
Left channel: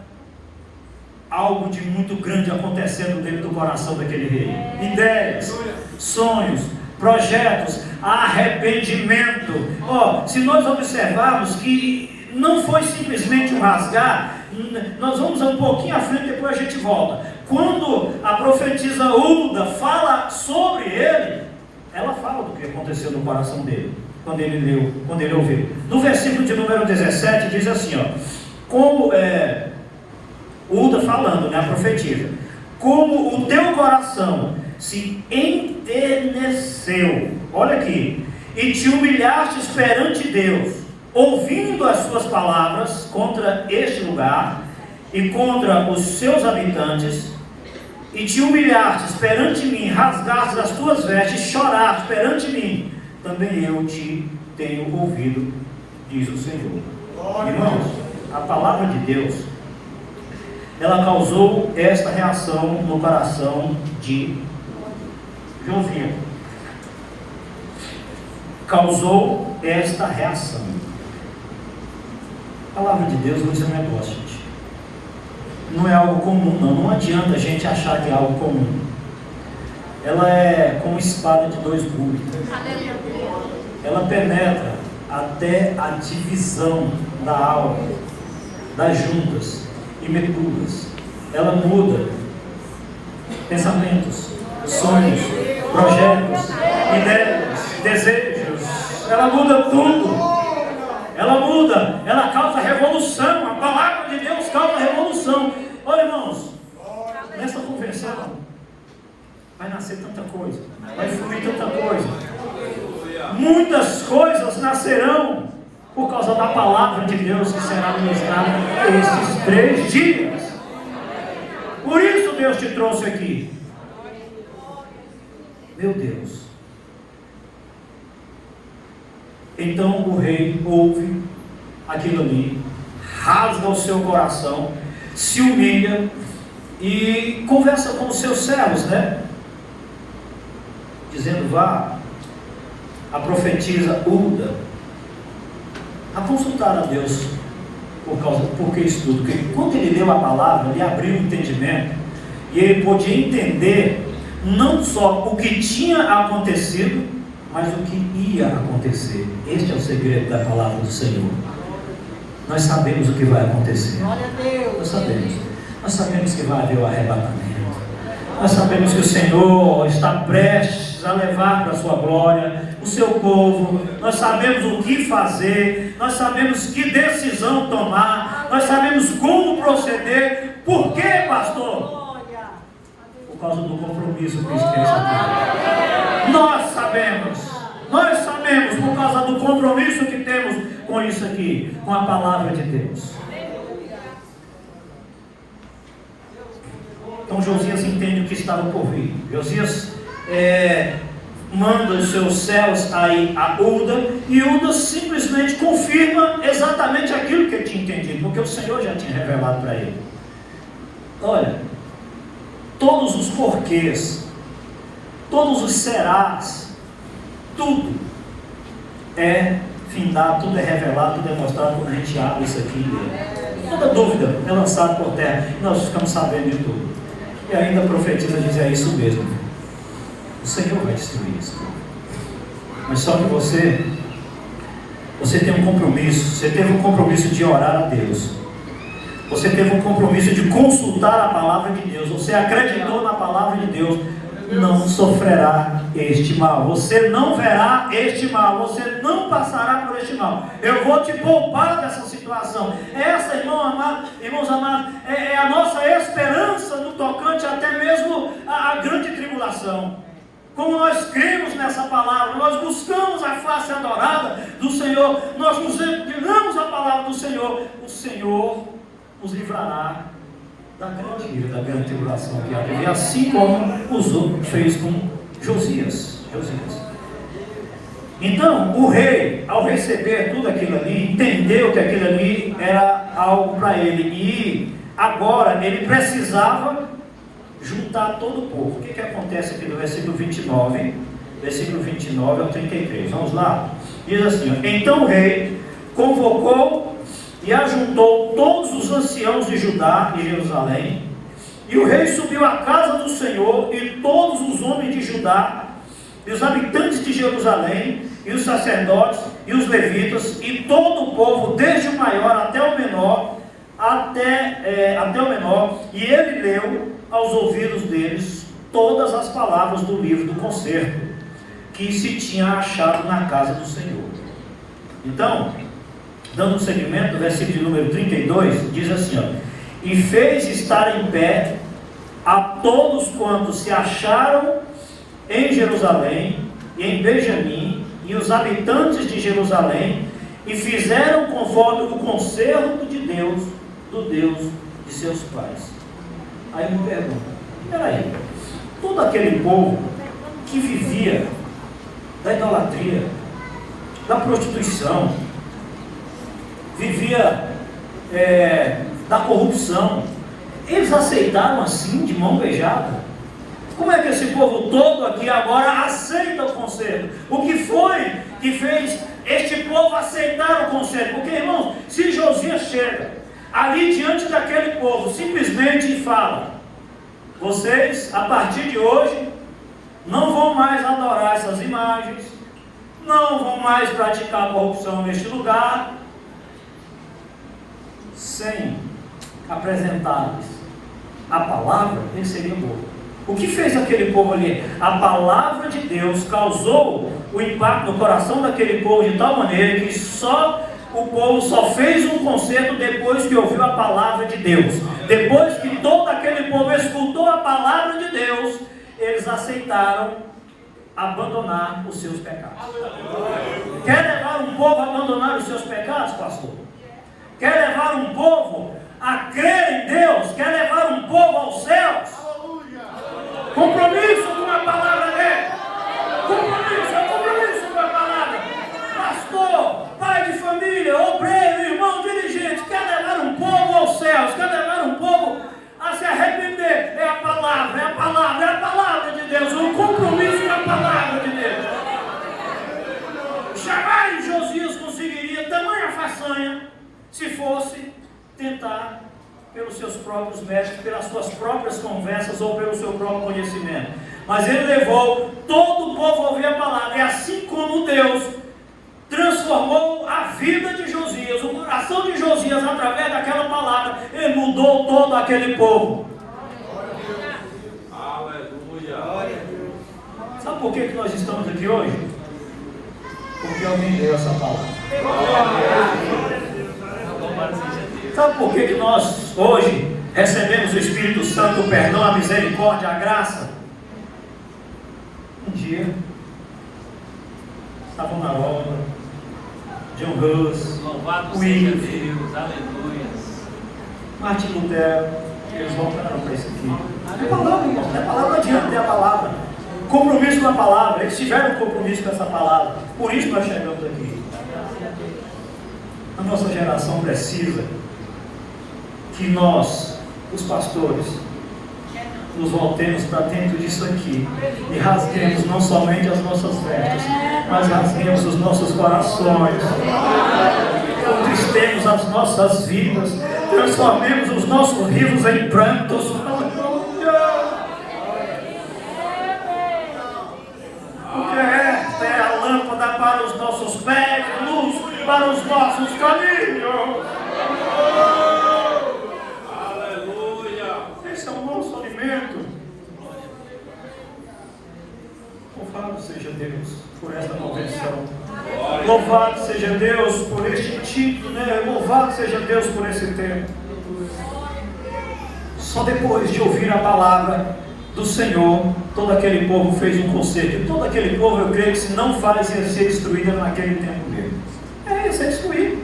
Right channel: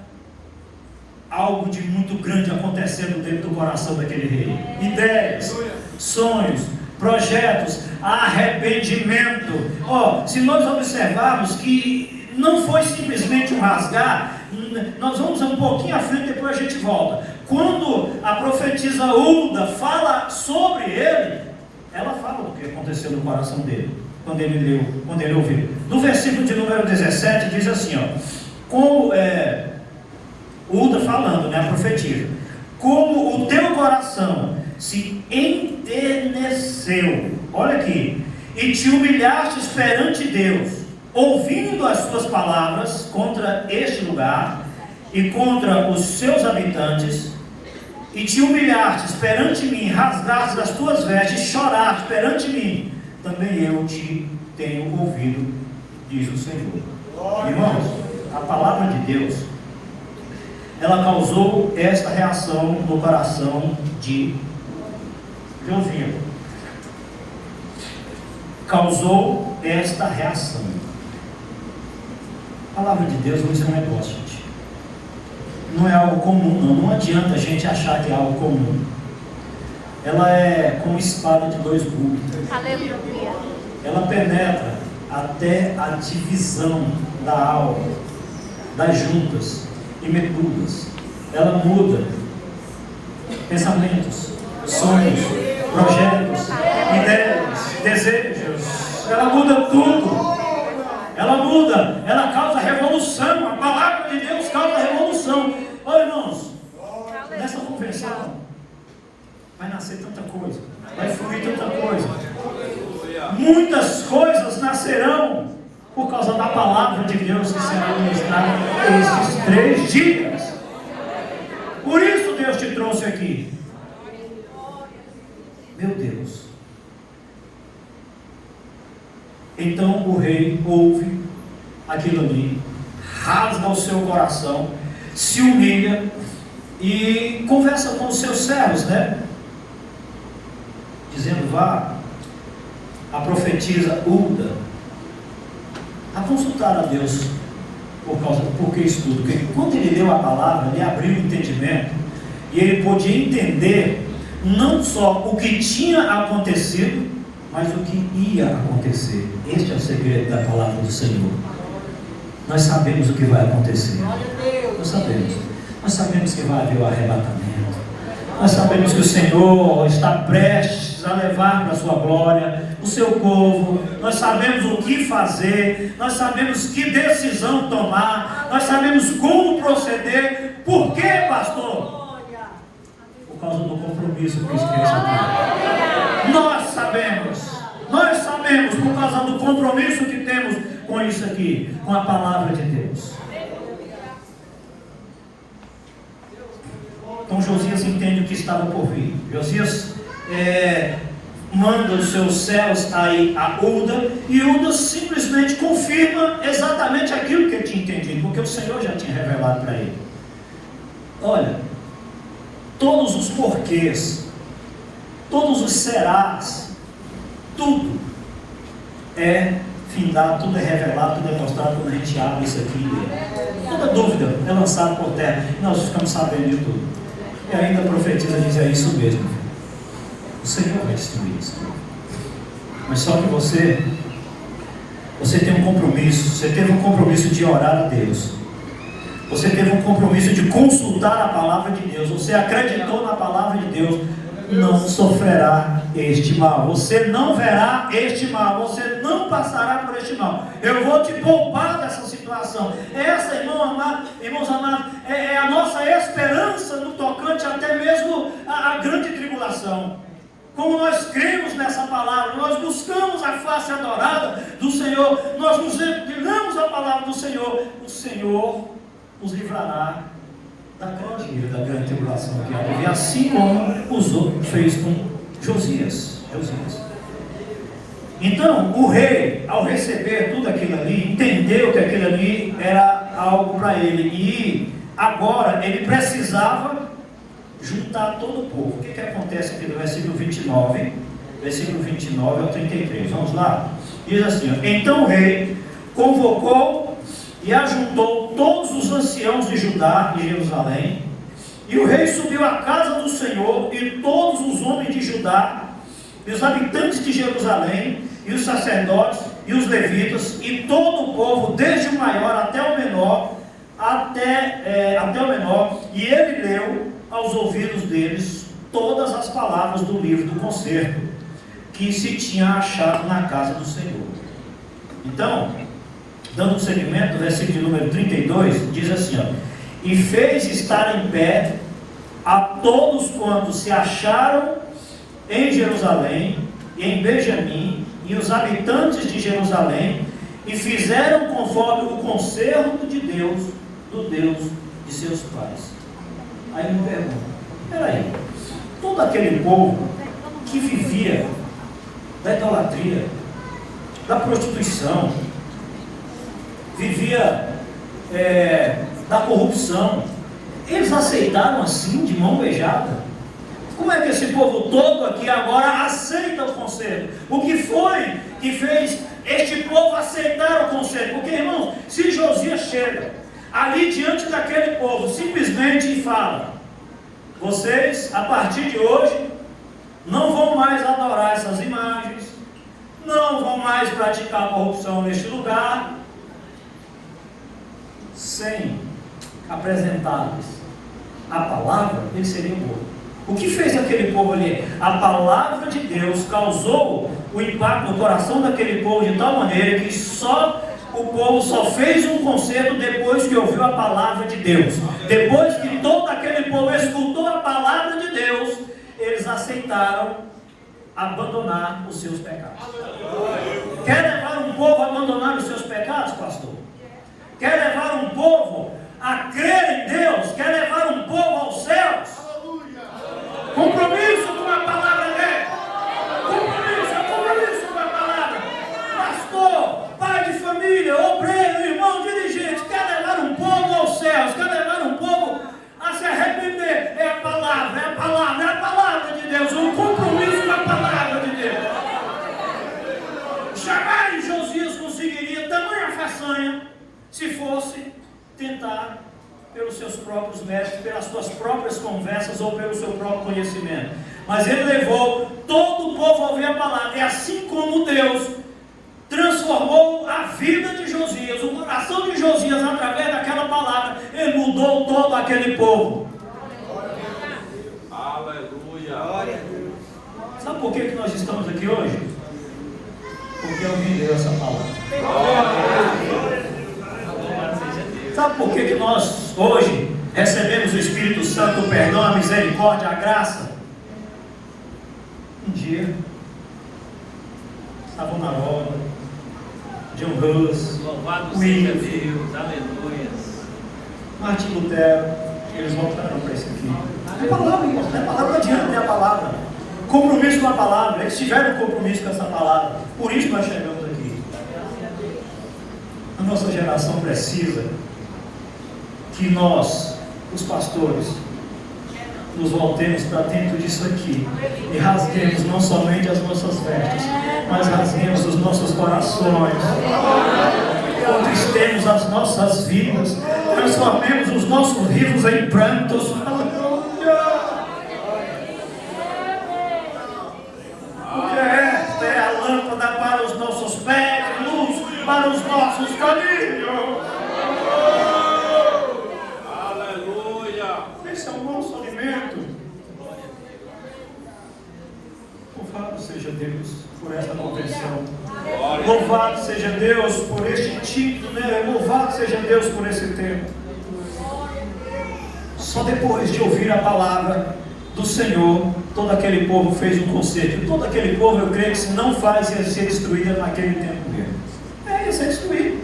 algo de muito grande acontecendo dentro do coração daquele rei. Ideias, sonhos, projetos, arrependimento. Se nós observarmos que não foi simplesmente um rasgar, nós vamos um pouquinho à frente, depois a gente volta. Quando a profetisa Hulda fala sobre ele, ela fala do que aconteceu no coração dele, quando ele ouviu. No versículo de número 17 diz assim, como Hulda falando, né, a profetisa: como o teu coração se enterneceu, olha aqui, e te humilhastes perante Deus, ouvindo as suas palavras contra este lugar e contra os seus habitantes, e te humilhastes perante mim, rasgastes as tuas vestes, choraste perante mim, também eu te tenho ouvido, diz o Senhor. Irmãos, a palavra de Deus, ela causou esta reação no coração de Josias. Causou esta reação. A palavra de Deus não é um negócio, gente. Não é algo comum, não. Não adianta a gente achar que é algo comum. Ela é como espada de dois gumes. Ela penetra até a divisão da alma, das juntas e medulas. Ela muda pensamentos, sonhos, projetos, ideias, desejos. Ela muda tudo. Ela muda, ela causa revolução. A palavra de Deus causa revolução. Olha, irmãos, nessa convenção vai nascer tanta coisa, vai fluir tanta coisa. Muitas coisas nascerão por causa da palavra de Deus que será ministrada esses 3 dias. Por isso Deus te trouxe aqui. Meu Deus. Então o rei ouve aquilo ali, rasga o seu coração, se humilha e conversa com os seus servos, né? Dizendo: vá, a profetisa Hulda, a consultar a Deus porque isso tudo. Porque quando ele leu a palavra, ele abriu o entendimento e ele podia entender não só o que tinha acontecido, mas o que ia acontecer. Este é o segredo da palavra do Senhor. Nós sabemos o que vai acontecer. Nós sabemos que vai haver o arrebatamento. Nós sabemos que o Senhor está prestes a levar para a sua glória o seu povo. Nós sabemos o que fazer, nós sabemos que decisão tomar, nós sabemos como proceder. Por quê, pastor? Por causa do compromisso que esteja aqui. Nós sabemos por causa do compromisso que temos com isso aqui, com a palavra de Deus. Então Josias entende o que estava por vir. Josias manda os seus céus aí a Uda, e Uda simplesmente confirma exatamente aquilo que ele tinha entendido, porque o Senhor já tinha revelado para ele. Olha, todos os porquês, todos os serás, tudo é findado, tudo é revelado, tudo é mostrado quando a gente abre isso aqui. Toda dúvida é lançada por terra, e nós ficamos sabendo de tudo. E ainda a profetisa diz: é isso mesmo, o Senhor vai destruir isso. Mas só que você tem um compromisso. Você teve um compromisso de orar a Deus, você teve um compromisso de consultar a palavra de Deus, você acreditou na palavra de Deus. Não sofrerá este mal, você não verá este mal, você não passará por este mal. Eu vou te poupar dessa situação. Essa, irmãos amados, é a nossa esperança no tocante até mesmo a grande tribulação. Como nós cremos nessa palavra, nós buscamos a face adorada do Senhor, nós nos inclinamos à palavra do Senhor, o Senhor nos livrará da grande tribulação que há de vir, assim como fez com Josias. Então, o rei, ao receber tudo aquilo ali, entendeu que aquilo ali era algo para ele, e agora ele precisava juntar todo o povo. O que acontece aqui no versículo 29 ao 33? Vamos lá? Diz assim: então o rei convocou e ajuntou todos os anciãos de Judá e Jerusalém, e o rei subiu à casa do Senhor, e todos os homens de Judá, e os habitantes de Jerusalém, e os sacerdotes, e os levitas, e todo o povo, desde o maior até o menor, e ele leu aos ouvidos deles todas as palavras do livro do concerto, que se tinha achado na casa do Senhor. Então, dando seguimento, versículo número 32, diz assim: e fez estar em pé a todos quantos se acharam em Jerusalém e em Benjamim, e os habitantes de Jerusalém, e fizeram conforme o concerto de Deus, do Deus de seus pais. Aí me pergunta: peraí, todo aquele povo que vivia da idolatria, da prostituição, vivia da corrupção, eles aceitaram assim, de mão beijada? Como é que esse povo todo aqui agora aceita o conselho? O que foi que fez este povo aceitar o conselho? Porque, irmãos, se Josias chega ali diante daquele povo simplesmente fala: vocês, a partir de hoje, não vão mais adorar essas imagens, não vão mais praticar corrupção neste lugar, sem apresentar-lhes a palavra, ele seria bom. O que fez aquele povo ali? A palavra de Deus causou o impacto no coração daquele povo de tal maneira que o povo só fez um concerto depois que ouviu a palavra de Deus. Depois que todo aquele povo escutou a palavra de Deus, eles aceitaram abandonar os seus pecados. Quer levar um povo a abandonar os seus pecados, pastor? Quer levar um povo a crer em Deus? Quer levar um povo aos céus? Compromisso com a palavra dele. Compromisso com a palavra. Pastor, pai de família, obreiro, irmão, dirigente, quer levar um povo aos céus? Quer levar um povo a se arrepender? É a palavra de Deus. Um compromisso com a palavra de Deus. Jamais Josias conseguiria tamanha façanha se fosse tentar pelos seus próprios méritos, pelas suas próprias conversas ou pelo seu próprio conhecimento. Mas ele levou todo o povo a ouvir a palavra. E assim como Deus transformou a vida de Josias, o coração de Josias, através daquela palavra, ele mudou todo aquele povo. por que nós estamos aqui hoje? Porque alguém deu essa palavra. Sabe por que nós hoje recebemos o Espírito Santo, o perdão, a misericórdia, a graça? Um dia estavam na obra, John Hus, William, Martin Lutero, eles voltaram para isso aqui. A palavra, irmãos, a palavra não adianta ter a palavra. Compromisso com a palavra, eles tiveram compromisso com essa palavra. Por isso nós chegamos aqui. A nossa geração precisa que nós, os pastores, nos voltemos para dentro disso aqui e rasguemos não somente as nossas vestes, mas rasguemos os nossos corações, contristemos as nossas vidas, transformemos os nossos rios em prantos. Porque esta é a lâmpada para os nossos pés, luz para os nossos caminhos. Esse é o nosso alimento. Louvado seja Deus por esta convenção. Louvado seja Deus por este título, né? Louvado seja Deus por esse tempo. Só depois de ouvir a palavra do Senhor, todo aquele povo fez um concerto. E todo aquele povo, eu creio que se não faz, ia ser destruída naquele tempo mesmo. Ia ser destruído.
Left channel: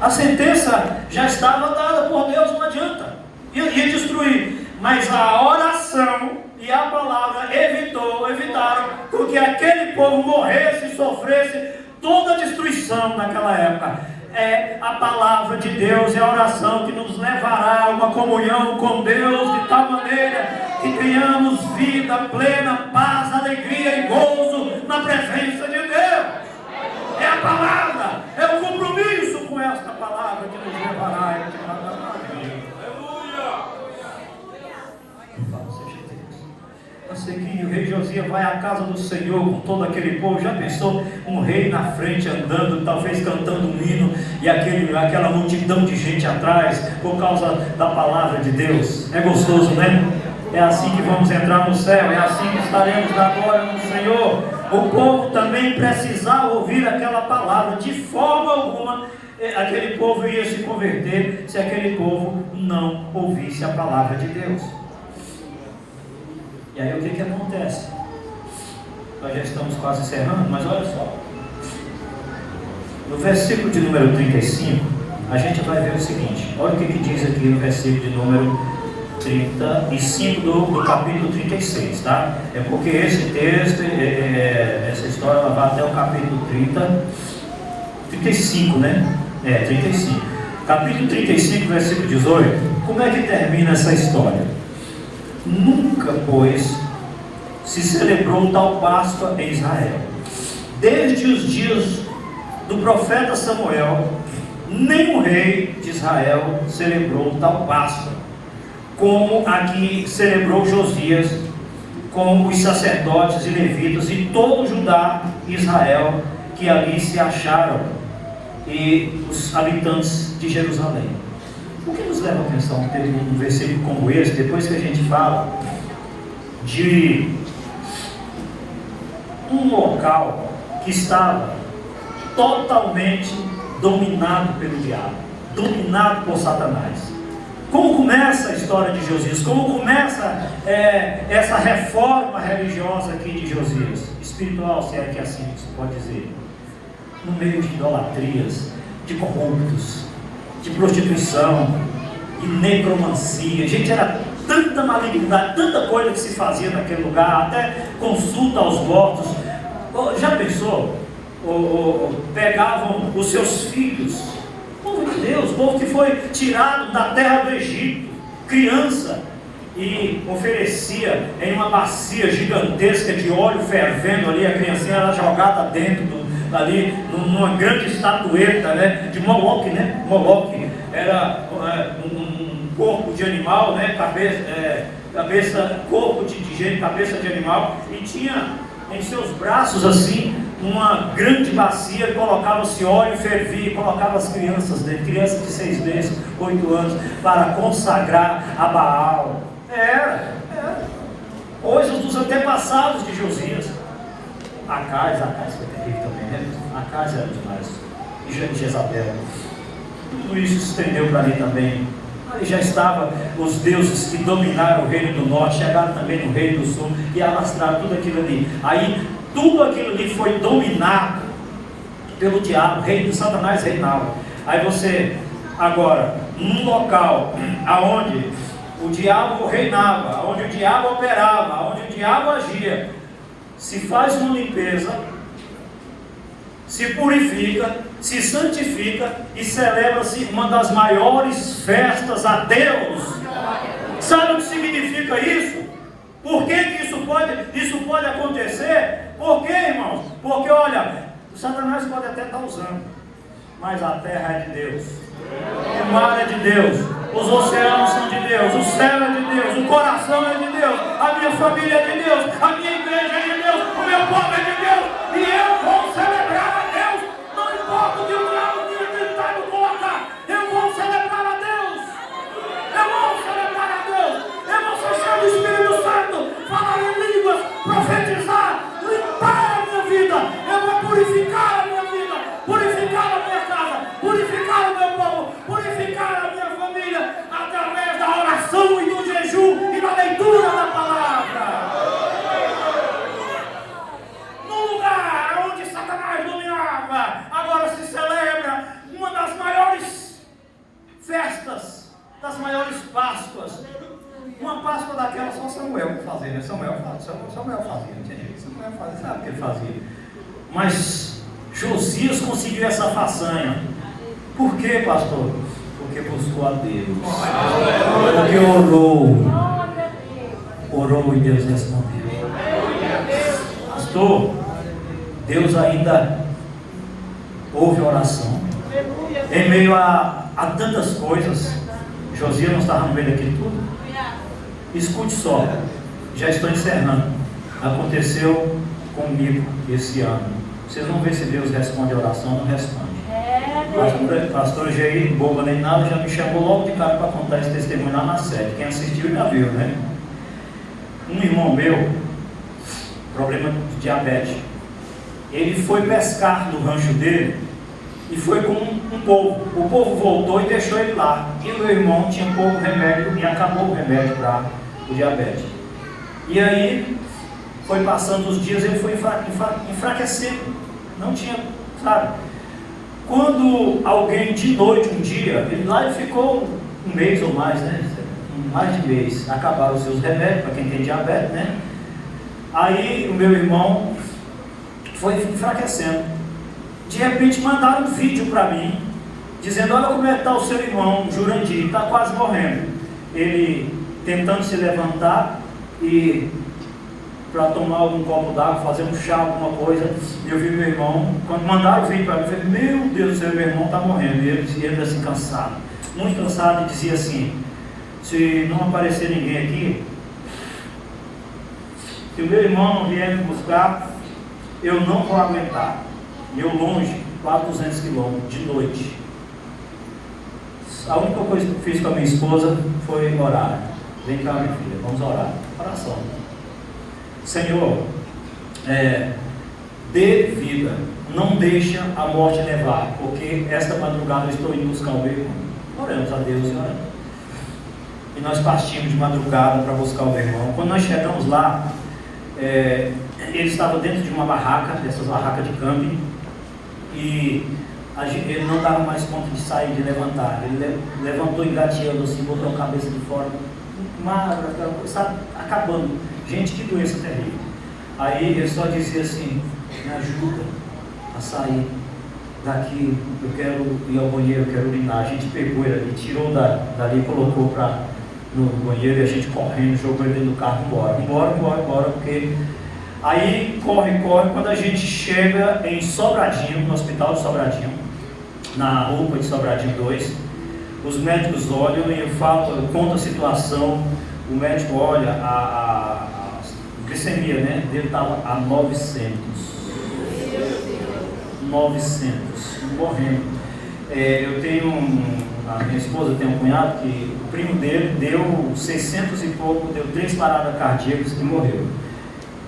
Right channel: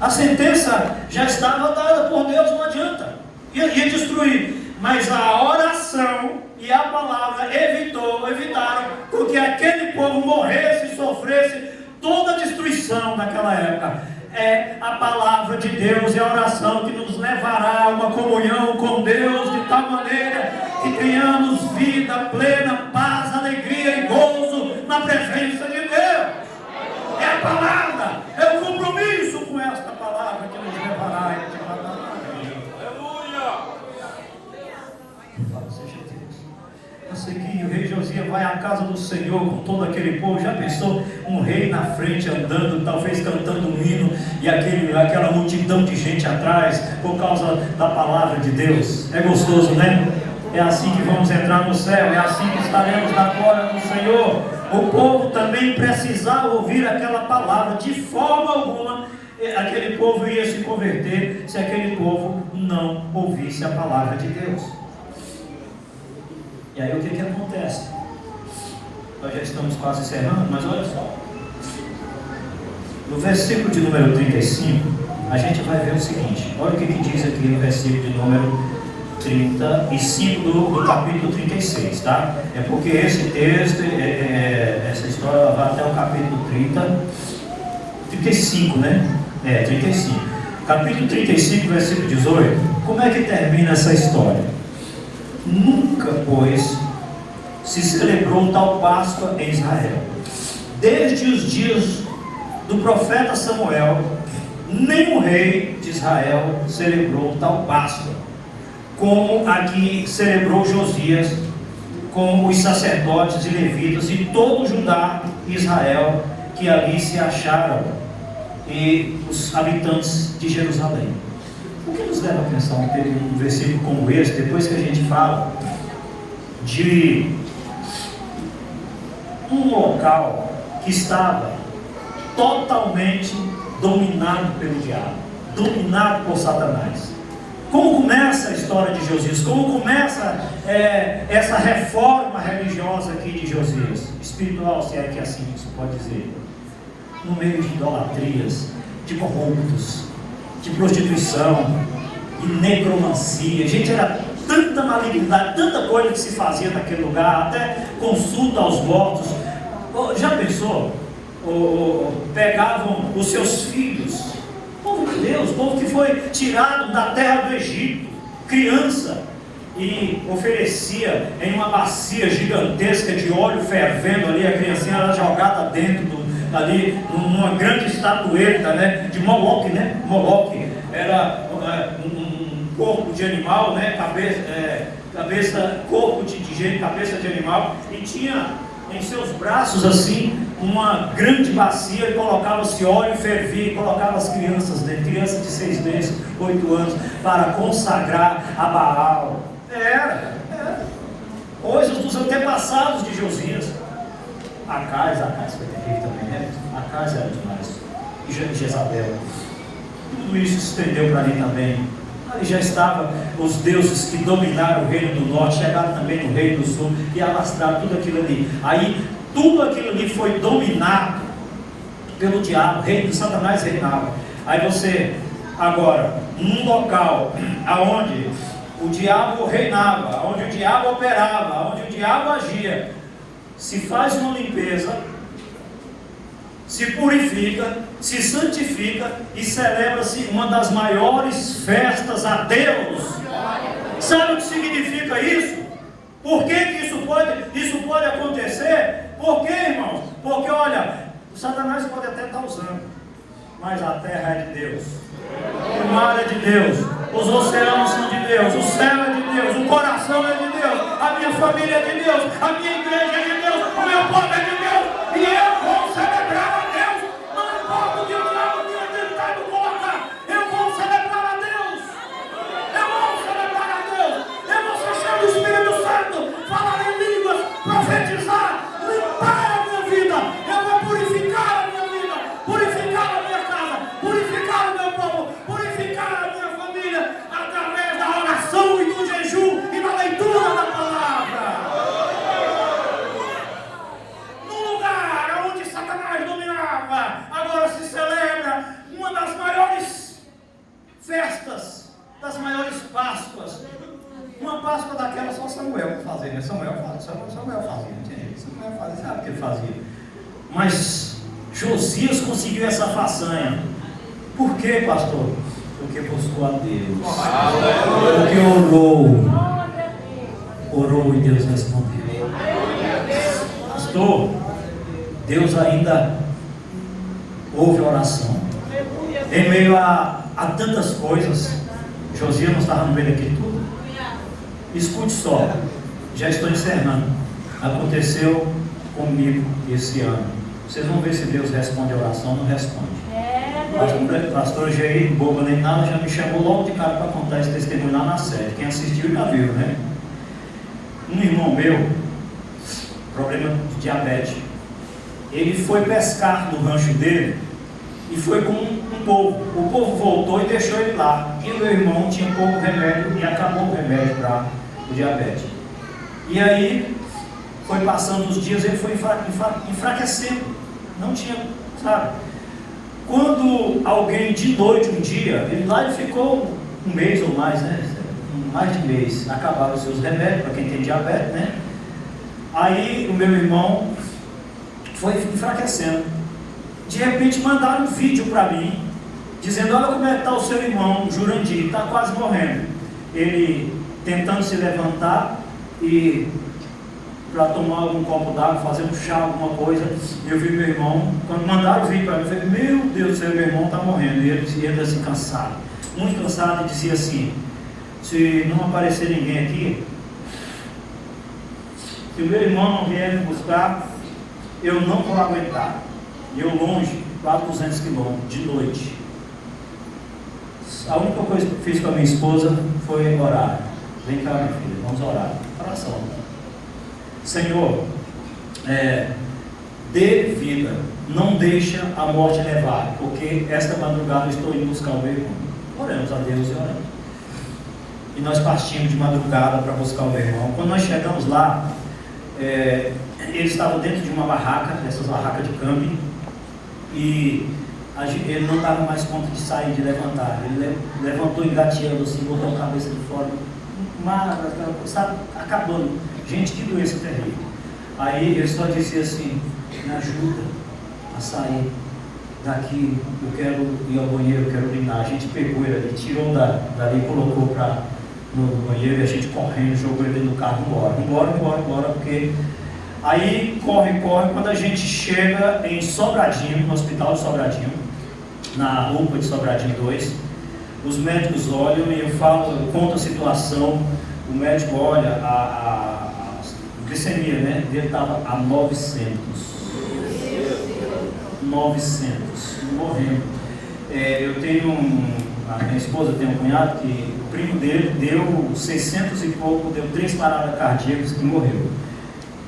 A sentença já estava dada por Deus, não adianta. Ia destruir, mas a oração e a palavra evitaram com que aquele povo morresse e sofresse toda a destruição naquela época. É a palavra de Deus, é a oração que nos levará a uma comunhão com Deus de tal maneira que tenhamos vida plena, paz, alegria e gozo na presença de Deus. É a palavra, é o compromisso com esta palavra que nos levará a esta Eu sei que o rei Josias vai à casa do Senhor com todo aquele povo. Já pensou um rei na frente andando, talvez cantando um hino, e aquela multidão de gente atrás, por causa da palavra de Deus? É gostoso, né? É assim que vamos entrar no céu, é assim que estaremos na glória do Senhor. O povo também precisava ouvir aquela palavra. De forma alguma aquele povo ia se converter se aquele povo não ouvisse a palavra de Deus. E aí o que acontece? Nós já estamos quase encerrando, mas olha só. No versículo de número 35, a gente vai ver o seguinte. Olha o que diz aqui no versículo de número 35 do capítulo 36, tá? É porque esse texto, essa história vai até o capítulo 35, né? 35. Capítulo 35, versículo 18. Como é que termina essa história? Nunca, pois, se celebrou tal Páscoa em Israel. Desde os dias do profeta Samuel, nem o rei de Israel celebrou tal Páscoa, como a que celebrou Josias, com os sacerdotes e levitas e todo Judá e Israel que ali se acharam, e os habitantes de Jerusalém. O que nos leva a pensar um versículo como esse, depois que a gente fala de um local que estava totalmente dominado pelo diabo, dominado por Satanás? Como começa a história de Josias? Como começa essa reforma religiosa aqui de Josias? Espiritual, se é que assim se pode dizer. No meio de idolatrias, de corruptos, de prostituição, de necromancia. Gente, era tanta malignidade, tanta coisa que se fazia naquele lugar, até consulta aos mortos. Já pensou? Pegavam os seus filhos, povo de Deus, povo que foi tirado da terra do Egito, criança, e oferecia em uma bacia gigantesca de óleo fervendo ali, a criancinha era jogada dentro ali numa grande estatueta, né, de Moloque, né? Moloque era um corpo de animal, né? Corpo de gente, cabeça de animal, e tinha em seus braços assim uma grande bacia, colocava-se óleo e fervia, e colocava as crianças, né? Crianças de 6 meses, 8 anos, para consagrar a Baal. Era coisas dos antepassados de Josias. Acais foi terrível também, né? Acais era demais. E Jezabel. Tudo isso se estendeu para ali também. Aí já estavam os deuses que dominaram o reino do norte, chegaram também no reino do sul e alastraram tudo aquilo ali. Aí tudo aquilo ali foi dominado pelo diabo, o reino de Satanás reinava. Aí você, agora, num local aonde o diabo reinava, onde o diabo operava, onde o diabo agia, se faz uma limpeza, se purifica, se santifica e celebra-se uma das maiores festas a Deus. Sabe o que significa isso? Por que isso pode acontecer? Por quê, irmãos? Porque olha, o Satanás pode até estar usando, mas a terra é de Deus, o mar é de Deus, os oceanos são de Deus, o céu é de Deus, o coração é de Deus, a minha família é de Deus, a minha igreja é de Deus, o meu povo é de Deus, e eu vou celebrar a Deus. Não importa o que o diabo tenha tentado colocar, eu vou celebrar a Deus, eu vou celebrar a Deus, eu vou ser cheio do Espírito Santo, falar em línguas, profetizar, limpar a minha vida, eu vou purificar a minha vida, purificar a minha casa, purificar o meu povo, purificar a minha família, através da oração e do jejum e da leitura da palavra. No lugar onde Satanás dominava, agora se celebra uma das maiores festas, das maiores Páscoas. Uma Páscoa daquela só Samuel fazia, né? Samuel fazia, entende? Samuel fazia, sabe o que ele fazia? Mas Josias conseguiu essa façanha. Por quê, pastor? Porque buscou a Deus. Porque orou e Deus respondeu. Pastor, Deus ainda ouve a oração. Em meio a tantas coisas, Josias não estava no meio daquilo tudo. Escute só, já estou encerrando. Aconteceu comigo esse ano. Vocês vão ver se Deus responde a oração ou não responde. Pastor Jair, boba nem nada, já me chamou logo de cara para contar esse testemunho lá na sede. Quem assistiu já viu, né? Um irmão meu, problema de diabetes, ele foi pescar no rancho dele e foi com um povo. O povo voltou e deixou ele lá. E o meu irmão tinha pouco remédio e acabou o remédio para o diabetes. E aí foi passando os dias, ele foi enfraquecendo. Não tinha, sabe? Quando alguém de noite um dia, ele ficou um mês ou mais, né? Mais de mês, acabaram os seus remédios, para quem tem diabetes, né? Aí o meu irmão foi enfraquecendo. De repente mandaram um vídeo para mim, dizendo: olha como é que está o seu irmão, Jurandir, está quase morrendo. Ele tentando se levantar e para tomar algum copo d'água, fazer um chá, alguma coisa. Eu vi meu irmão, quando mandaram o vídeo para mim, eu falei: meu Deus do céu, meu irmão está morrendo. E ele assim, cansado, muito cansado, e dizia assim: se não aparecer ninguém aqui, se o meu irmão não vier me buscar, eu não vou aguentar. E eu longe, quase 200 quilômetros, de noite. A única coisa que eu fiz com a minha esposa foi orar. Vem cá, minha filha, vamos orar. Oração. Senhor, dê vida, não deixa a morte levar, porque esta madrugada eu estou indo buscar o meu irmão. Oramos a Deus, oramos. E nós partimos de madrugada para buscar o meu irmão. Quando nós chegamos lá, ele estava dentro de uma barraca, dessas barracas de camping, e ele não dava mais conta de sair, de levantar. Ele levantou engateando assim, botou a cabeça de fora, sabe, acabando. Gente, que doença terrível. Aí ele só disse assim: me ajuda a sair daqui, eu quero ir ao banheiro, eu quero urinar. A gente pegou ele ali, tirou dali, colocou no banheiro, e a gente correndo, jogou ele no carro e embora, porque aí corre, quando a gente chega em Sobradinho, no hospital de Sobradinho, na UPA de Sobradinho 2, os médicos olham e eu conto a situação. O médico olha, a glicemia, né, dele estava a 900, morrendo. Eu tenho a minha esposa tem um cunhado que o primo dele deu 600 e pouco, deu 3 paradas cardíacas e morreu.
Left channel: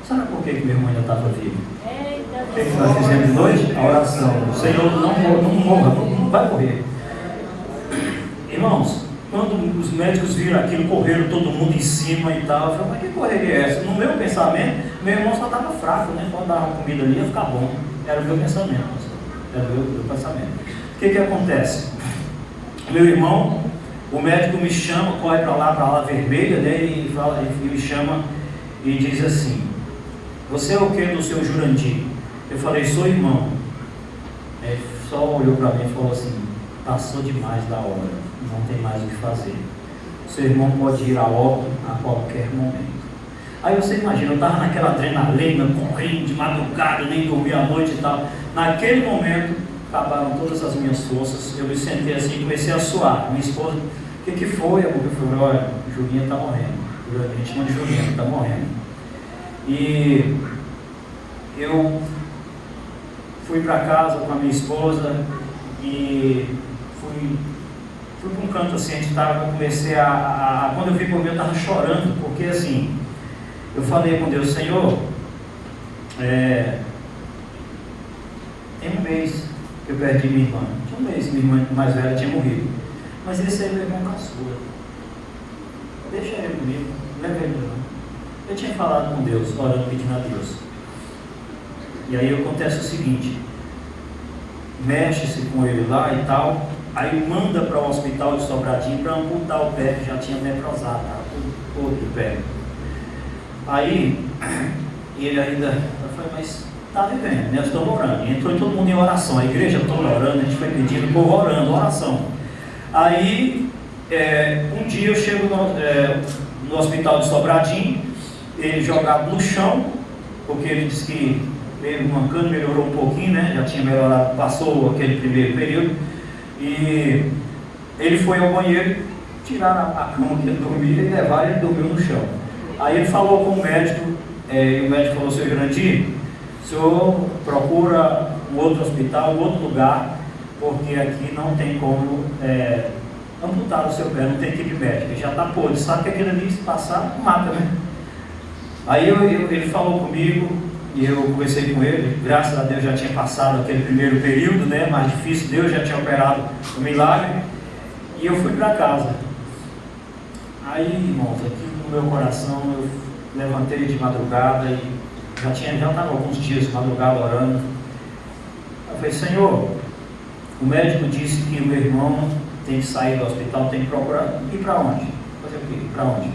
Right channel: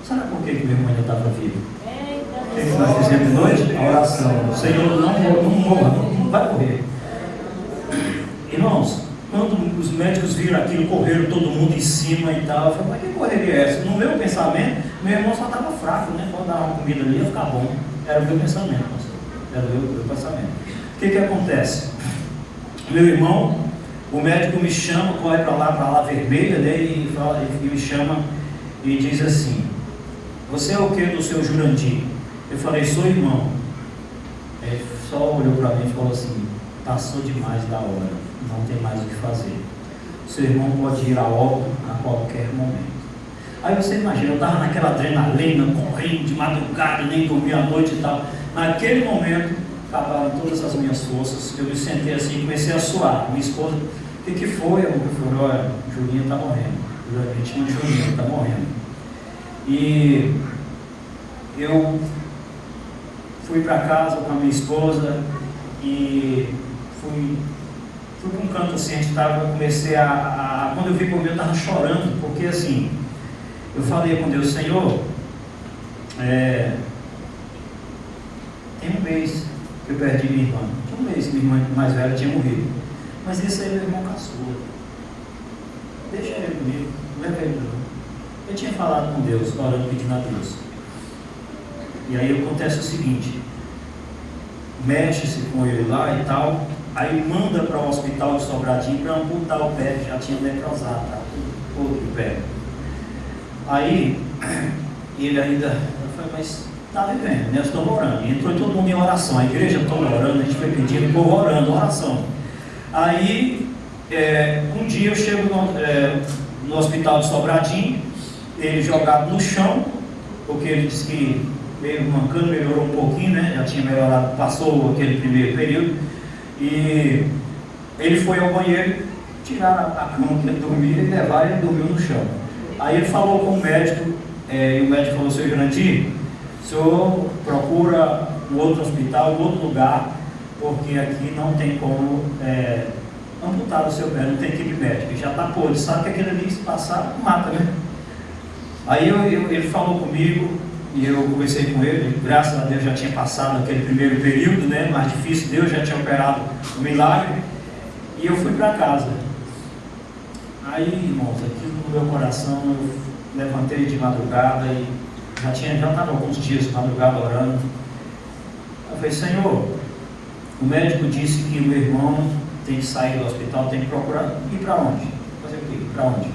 Sabe por que meu irmão ainda estava vivo? O que nós fizemos de noite? A oração. O Senhor não morra, não vai morrer. Irmãos, quando os médicos viram aquilo, correram todo mundo em cima e tal, eu falei, mas que correria é essa? No meu pensamento, meu irmão só estava fraco, né? Quando dava comida ali ia ficar bom. Era o meu pensamento, pastor. Era o meu pensamento. O que acontece? Meu irmão, o médico me chama, corre para lá vermelha, né? E me chama e diz assim: você é o que do seu Jurandir? Eu falei, sou irmão. Ele só olhou para mim e falou assim: passou demais da hora, não tem mais o que fazer. Seu irmão pode ir a óbito a qualquer momento. Aí você imagina, eu estava naquela adrenalina, correndo de madrugada, nem dormi à noite e tal. Naquele momento, acabaram todas as minhas forças. Eu me sentei assim e comecei a suar. Minha esposa, o que foi, amor? Eu falei, olha, Julinha está morrendo. A gente chama de Julinha, está morrendo. E eu fui para casa com a minha esposa e fui para um canto assim, eu comecei quando eu vi por mim, eu estava chorando, porque assim, eu falei com Deus, Senhor, tem um mês que eu perdi minha irmã, tinha um mês que minha irmã mais velha tinha morrido, mas esse aí é meu irmão caçula, deixa ele comigo, não leva ele não. Eu tinha falado com Deus, orando, pedindo a Deus. E aí acontece o seguinte, mexe-se com ele lá e tal, aí manda para o hospital de Sobradinho para amputar o pé, que já tinha necrosado, tá? Todo o pé. Aí, ele ainda, eu falei, mas está vivendo, né? Eu estou orando. E entrou todo mundo em oração, a igreja toda orando, a gente foi pedindo, o povo orando, oração. Aí, um dia eu chego no hospital de Sobradinho, ele jogado no chão, porque ele disse que veio mancando, melhorou um pouquinho, né? Já tinha melhorado, passou aquele primeiro período. E ele foi ao banheiro, tirar a cama que ele dormia e levar, e ele dormiu no chão. Aí ele falou com o médico, e o médico falou, seu Jurandir, o senhor procura um outro hospital, um outro lugar, porque aqui não tem como amputar o seu pé, não tem equipe médica, ele já está podre, sabe que aquilo ali se passar, mata, né? Aí ele falou comigo, e eu conversei com ele, graças a Deus já tinha passado aquele primeiro período, né, mais difícil, Deus já tinha operado o milagre, e eu fui para casa. Aí, irmãos, aqui no meu coração, eu levantei de madrugada, e já estava alguns dias de madrugada orando. Eu falei, Senhor, o médico disse que o meu irmão tem que sair do hospital, tem que procurar, ir para onde? Fazer o quê? Para onde?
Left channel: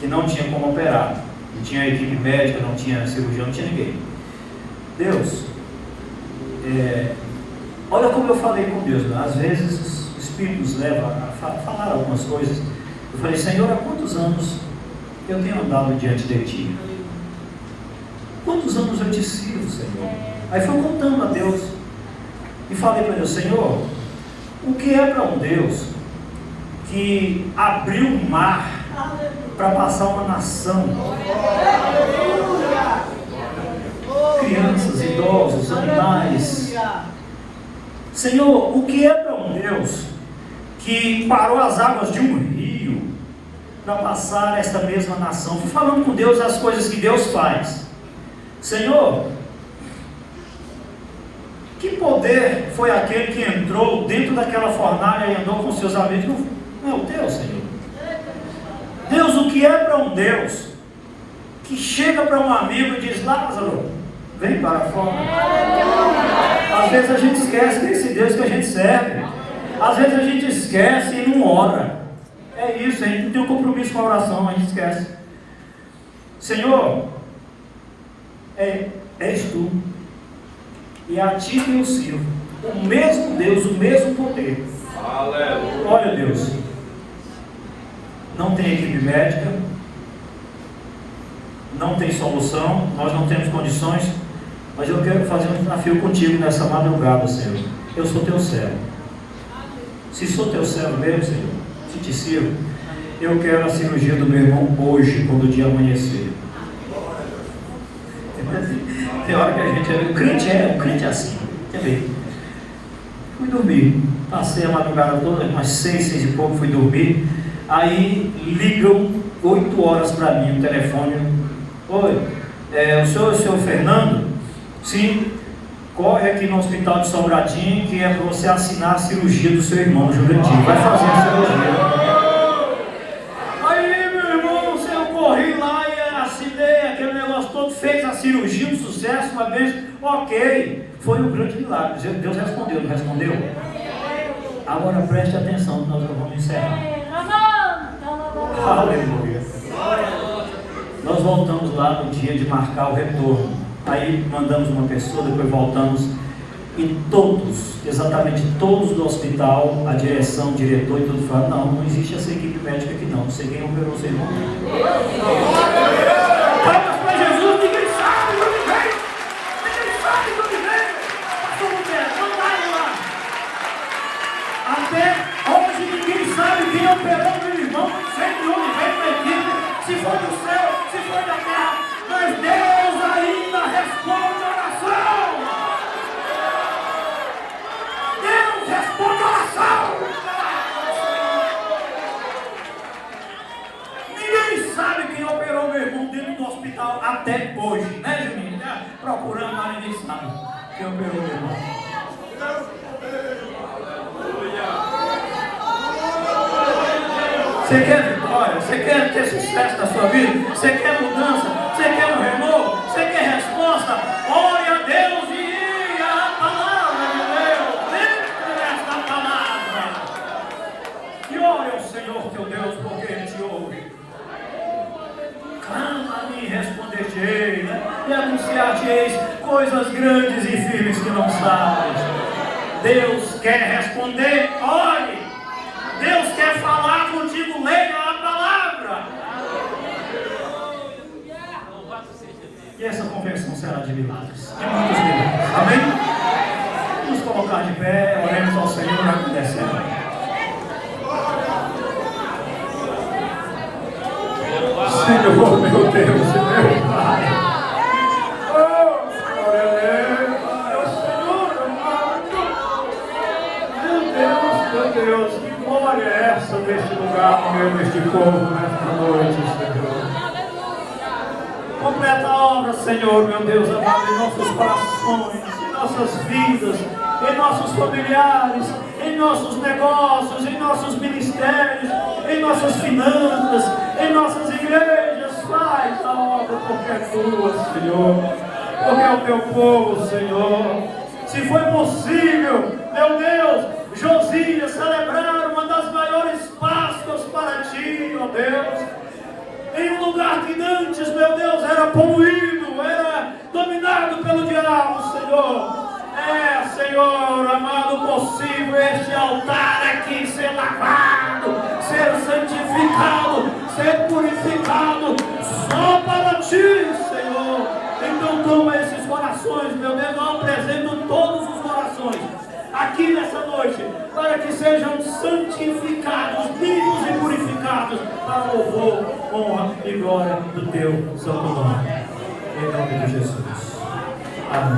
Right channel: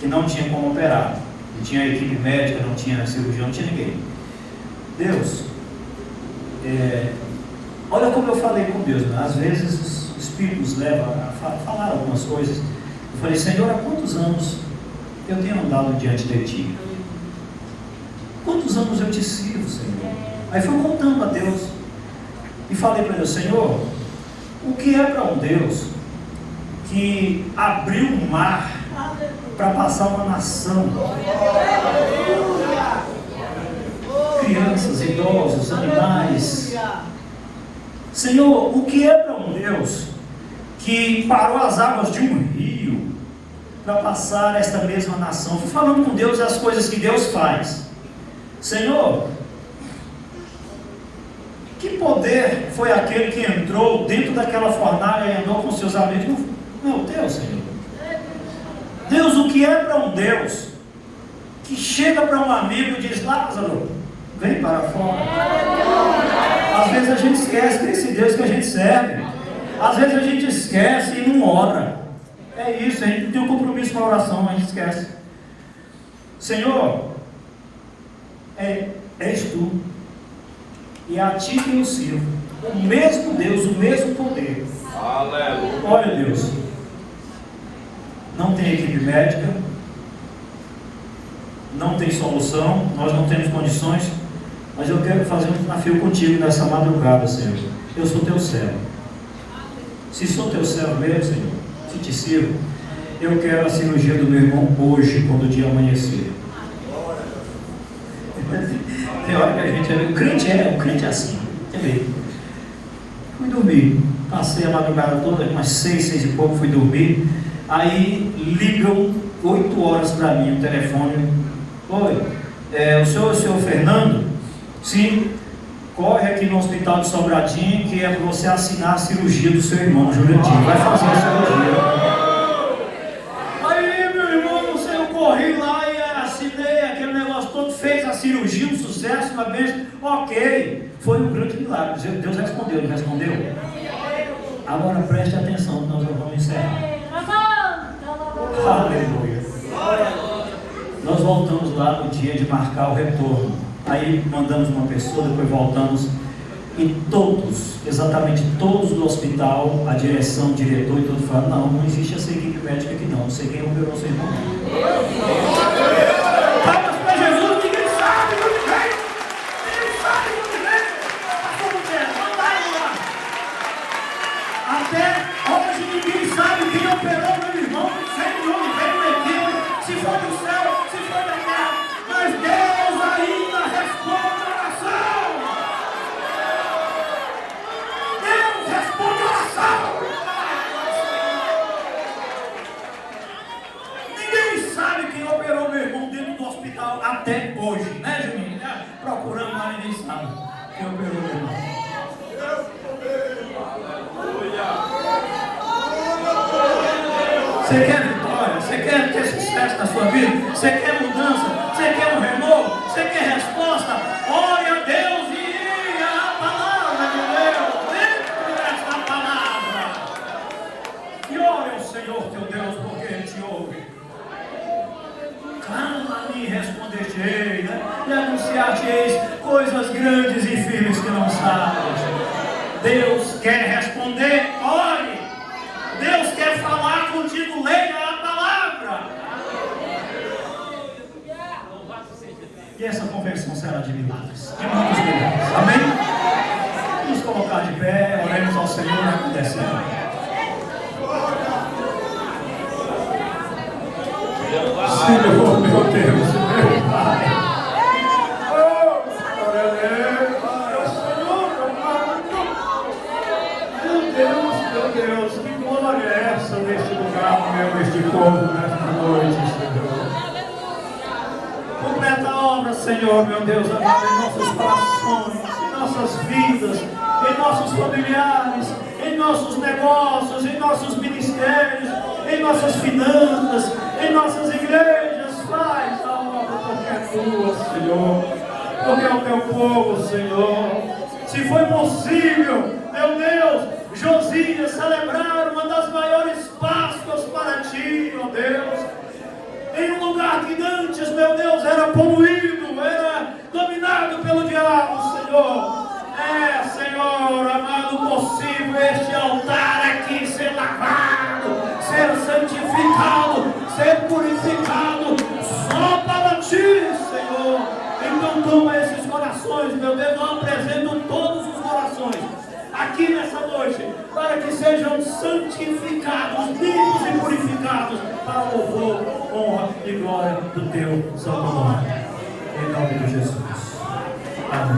Que não tinha como operar. Não tinha equipe médica, não tinha cirurgião, não tinha ninguém. Deus, olha como eu falei com Deus, né? Às vezes o Espírito nos leva a falar algumas coisas. Eu falei, Senhor, há quantos anos eu tenho andado diante de Ti? Quantos anos eu te sirvo, Senhor? Aí fui contando a Deus e falei para Deus, Senhor, o que é para um Deus que abriu um mar para passar uma nação, crianças, idosos, animais? Senhor, o que é para um Deus que parou as águas de um rio para passar esta mesma nação? Fui falando com Deus as coisas que Deus faz. Senhor, que poder foi aquele que entrou dentro daquela fornalha e andou com seus amigos? Meu Deus, Senhor. Deus, o que é para um Deus que chega para um amigo e diz, Lázaro, vem para fora? Às vezes a gente esquece desse Deus que a gente serve. Às vezes a gente esquece e não ora. É isso, a gente não tem um compromisso com a oração, mas a gente esquece. Senhor, és tu, e a ti que eu sirvo, o mesmo Deus, o mesmo poder. Aleluia. Olha, Deus, não tem equipe médica, não tem solução, nós não temos condições, mas eu quero fazer um desafio contigo nessa madrugada, Senhor. Eu sou teu servo. Se sou teu servo mesmo, Senhor, se te sirvo, eu quero a cirurgia do meu irmão hoje, quando o dia amanhecer. Tem hora que a gente o crente é assim, entendeu? Fui dormir, passei a madrugada toda, umas 6 e pouco, fui dormir. Aí ligam 8 horas para mim o telefone Oi, o senhor Fernando? Sim. Corre aqui no hospital de Sobradinho, que é para você assinar a cirurgia do seu irmão, Jurandir. Vai fazer a cirurgia. Aí, meu irmão, eu corri lá e assinei aquele negócio todo, fez a cirurgia, um sucesso, uma vez. Ok, foi um grande milagre. Deus respondeu, não respondeu? Agora preste atenção, nós vamos encerrar. Aleluia. Nós voltamos lá no dia de marcar o retorno. Aí mandamos uma pessoa, depois voltamos. E todos, exatamente todos do hospital, a direção, o diretor e tudo falaram: não existe essa equipe médica aqui não. Não sei quem operou seu irmão. Palmas para Jesus, ninguém sabe do jeito. Ninguém sabe do jeito. Como que é? Não vai lá. Até hoje ninguém sabe quem operou meu irmão. Sempre não vem na equipe. Se for do céu, se for da terra. Mas Deus ainda responde a oração. Deus responde a oração. Ninguém sabe quem operou meu irmão dentro do hospital até hoje, né, Juninho? Procurando lá, ninguém sabe quem operou meu irmão. Você quer vitória? Você quer ter sucesso na sua vida? Você quer mudança? Você quer um renovo? Você quer resposta? Ore a Deus e leia a palavra de Deus. Leia essa palavra. E ore ao Senhor teu Deus, porque Ele te ouve. Clama-me e responder-te-ei, e anunciar-te-eis coisas grandes e firmes que não sabes. Deus quer responder, ore. Deus quer falar contigo, leia a palavra. E essa conversão será de milagres. De muitos milagres. Amém? Vamos colocar de pé, oremos ao Senhor e agradecemos. Senhor, meu Deus, meu Pai. Oh, glória a Deus. Senhor, amado. Meu Deus, que glória é essa neste lugar, no meio deste povo, nesta noite, Senhor. Completa a obra, Senhor, meu Deus amado, em nossos corações, em nossas vidas, em nossos familiares, em nossos negócios, em nossos ministérios, em nossas finanças, em nossas igrejas. Faz a obra porque é tua, Senhor, porque é o teu povo, Senhor. Se foi possível, meu Deus, Josias celebrar uma das maiores Páscoas para ti, ó Deus, em um lugar que antes, meu Deus, era poluído, era dominado pelo diabo, Senhor. É, Senhor, amado, possível este altar aqui ser lavado, ser santificado, ser purificado, só para ti, Senhor. Então toma esses corações, meu Deus, eu apresento todos os corações aqui nessa noite, para que sejam santificados, limpos e purificados, para o louvor, honra e glória do teu santo nome. Em nome de Jesus. Amém.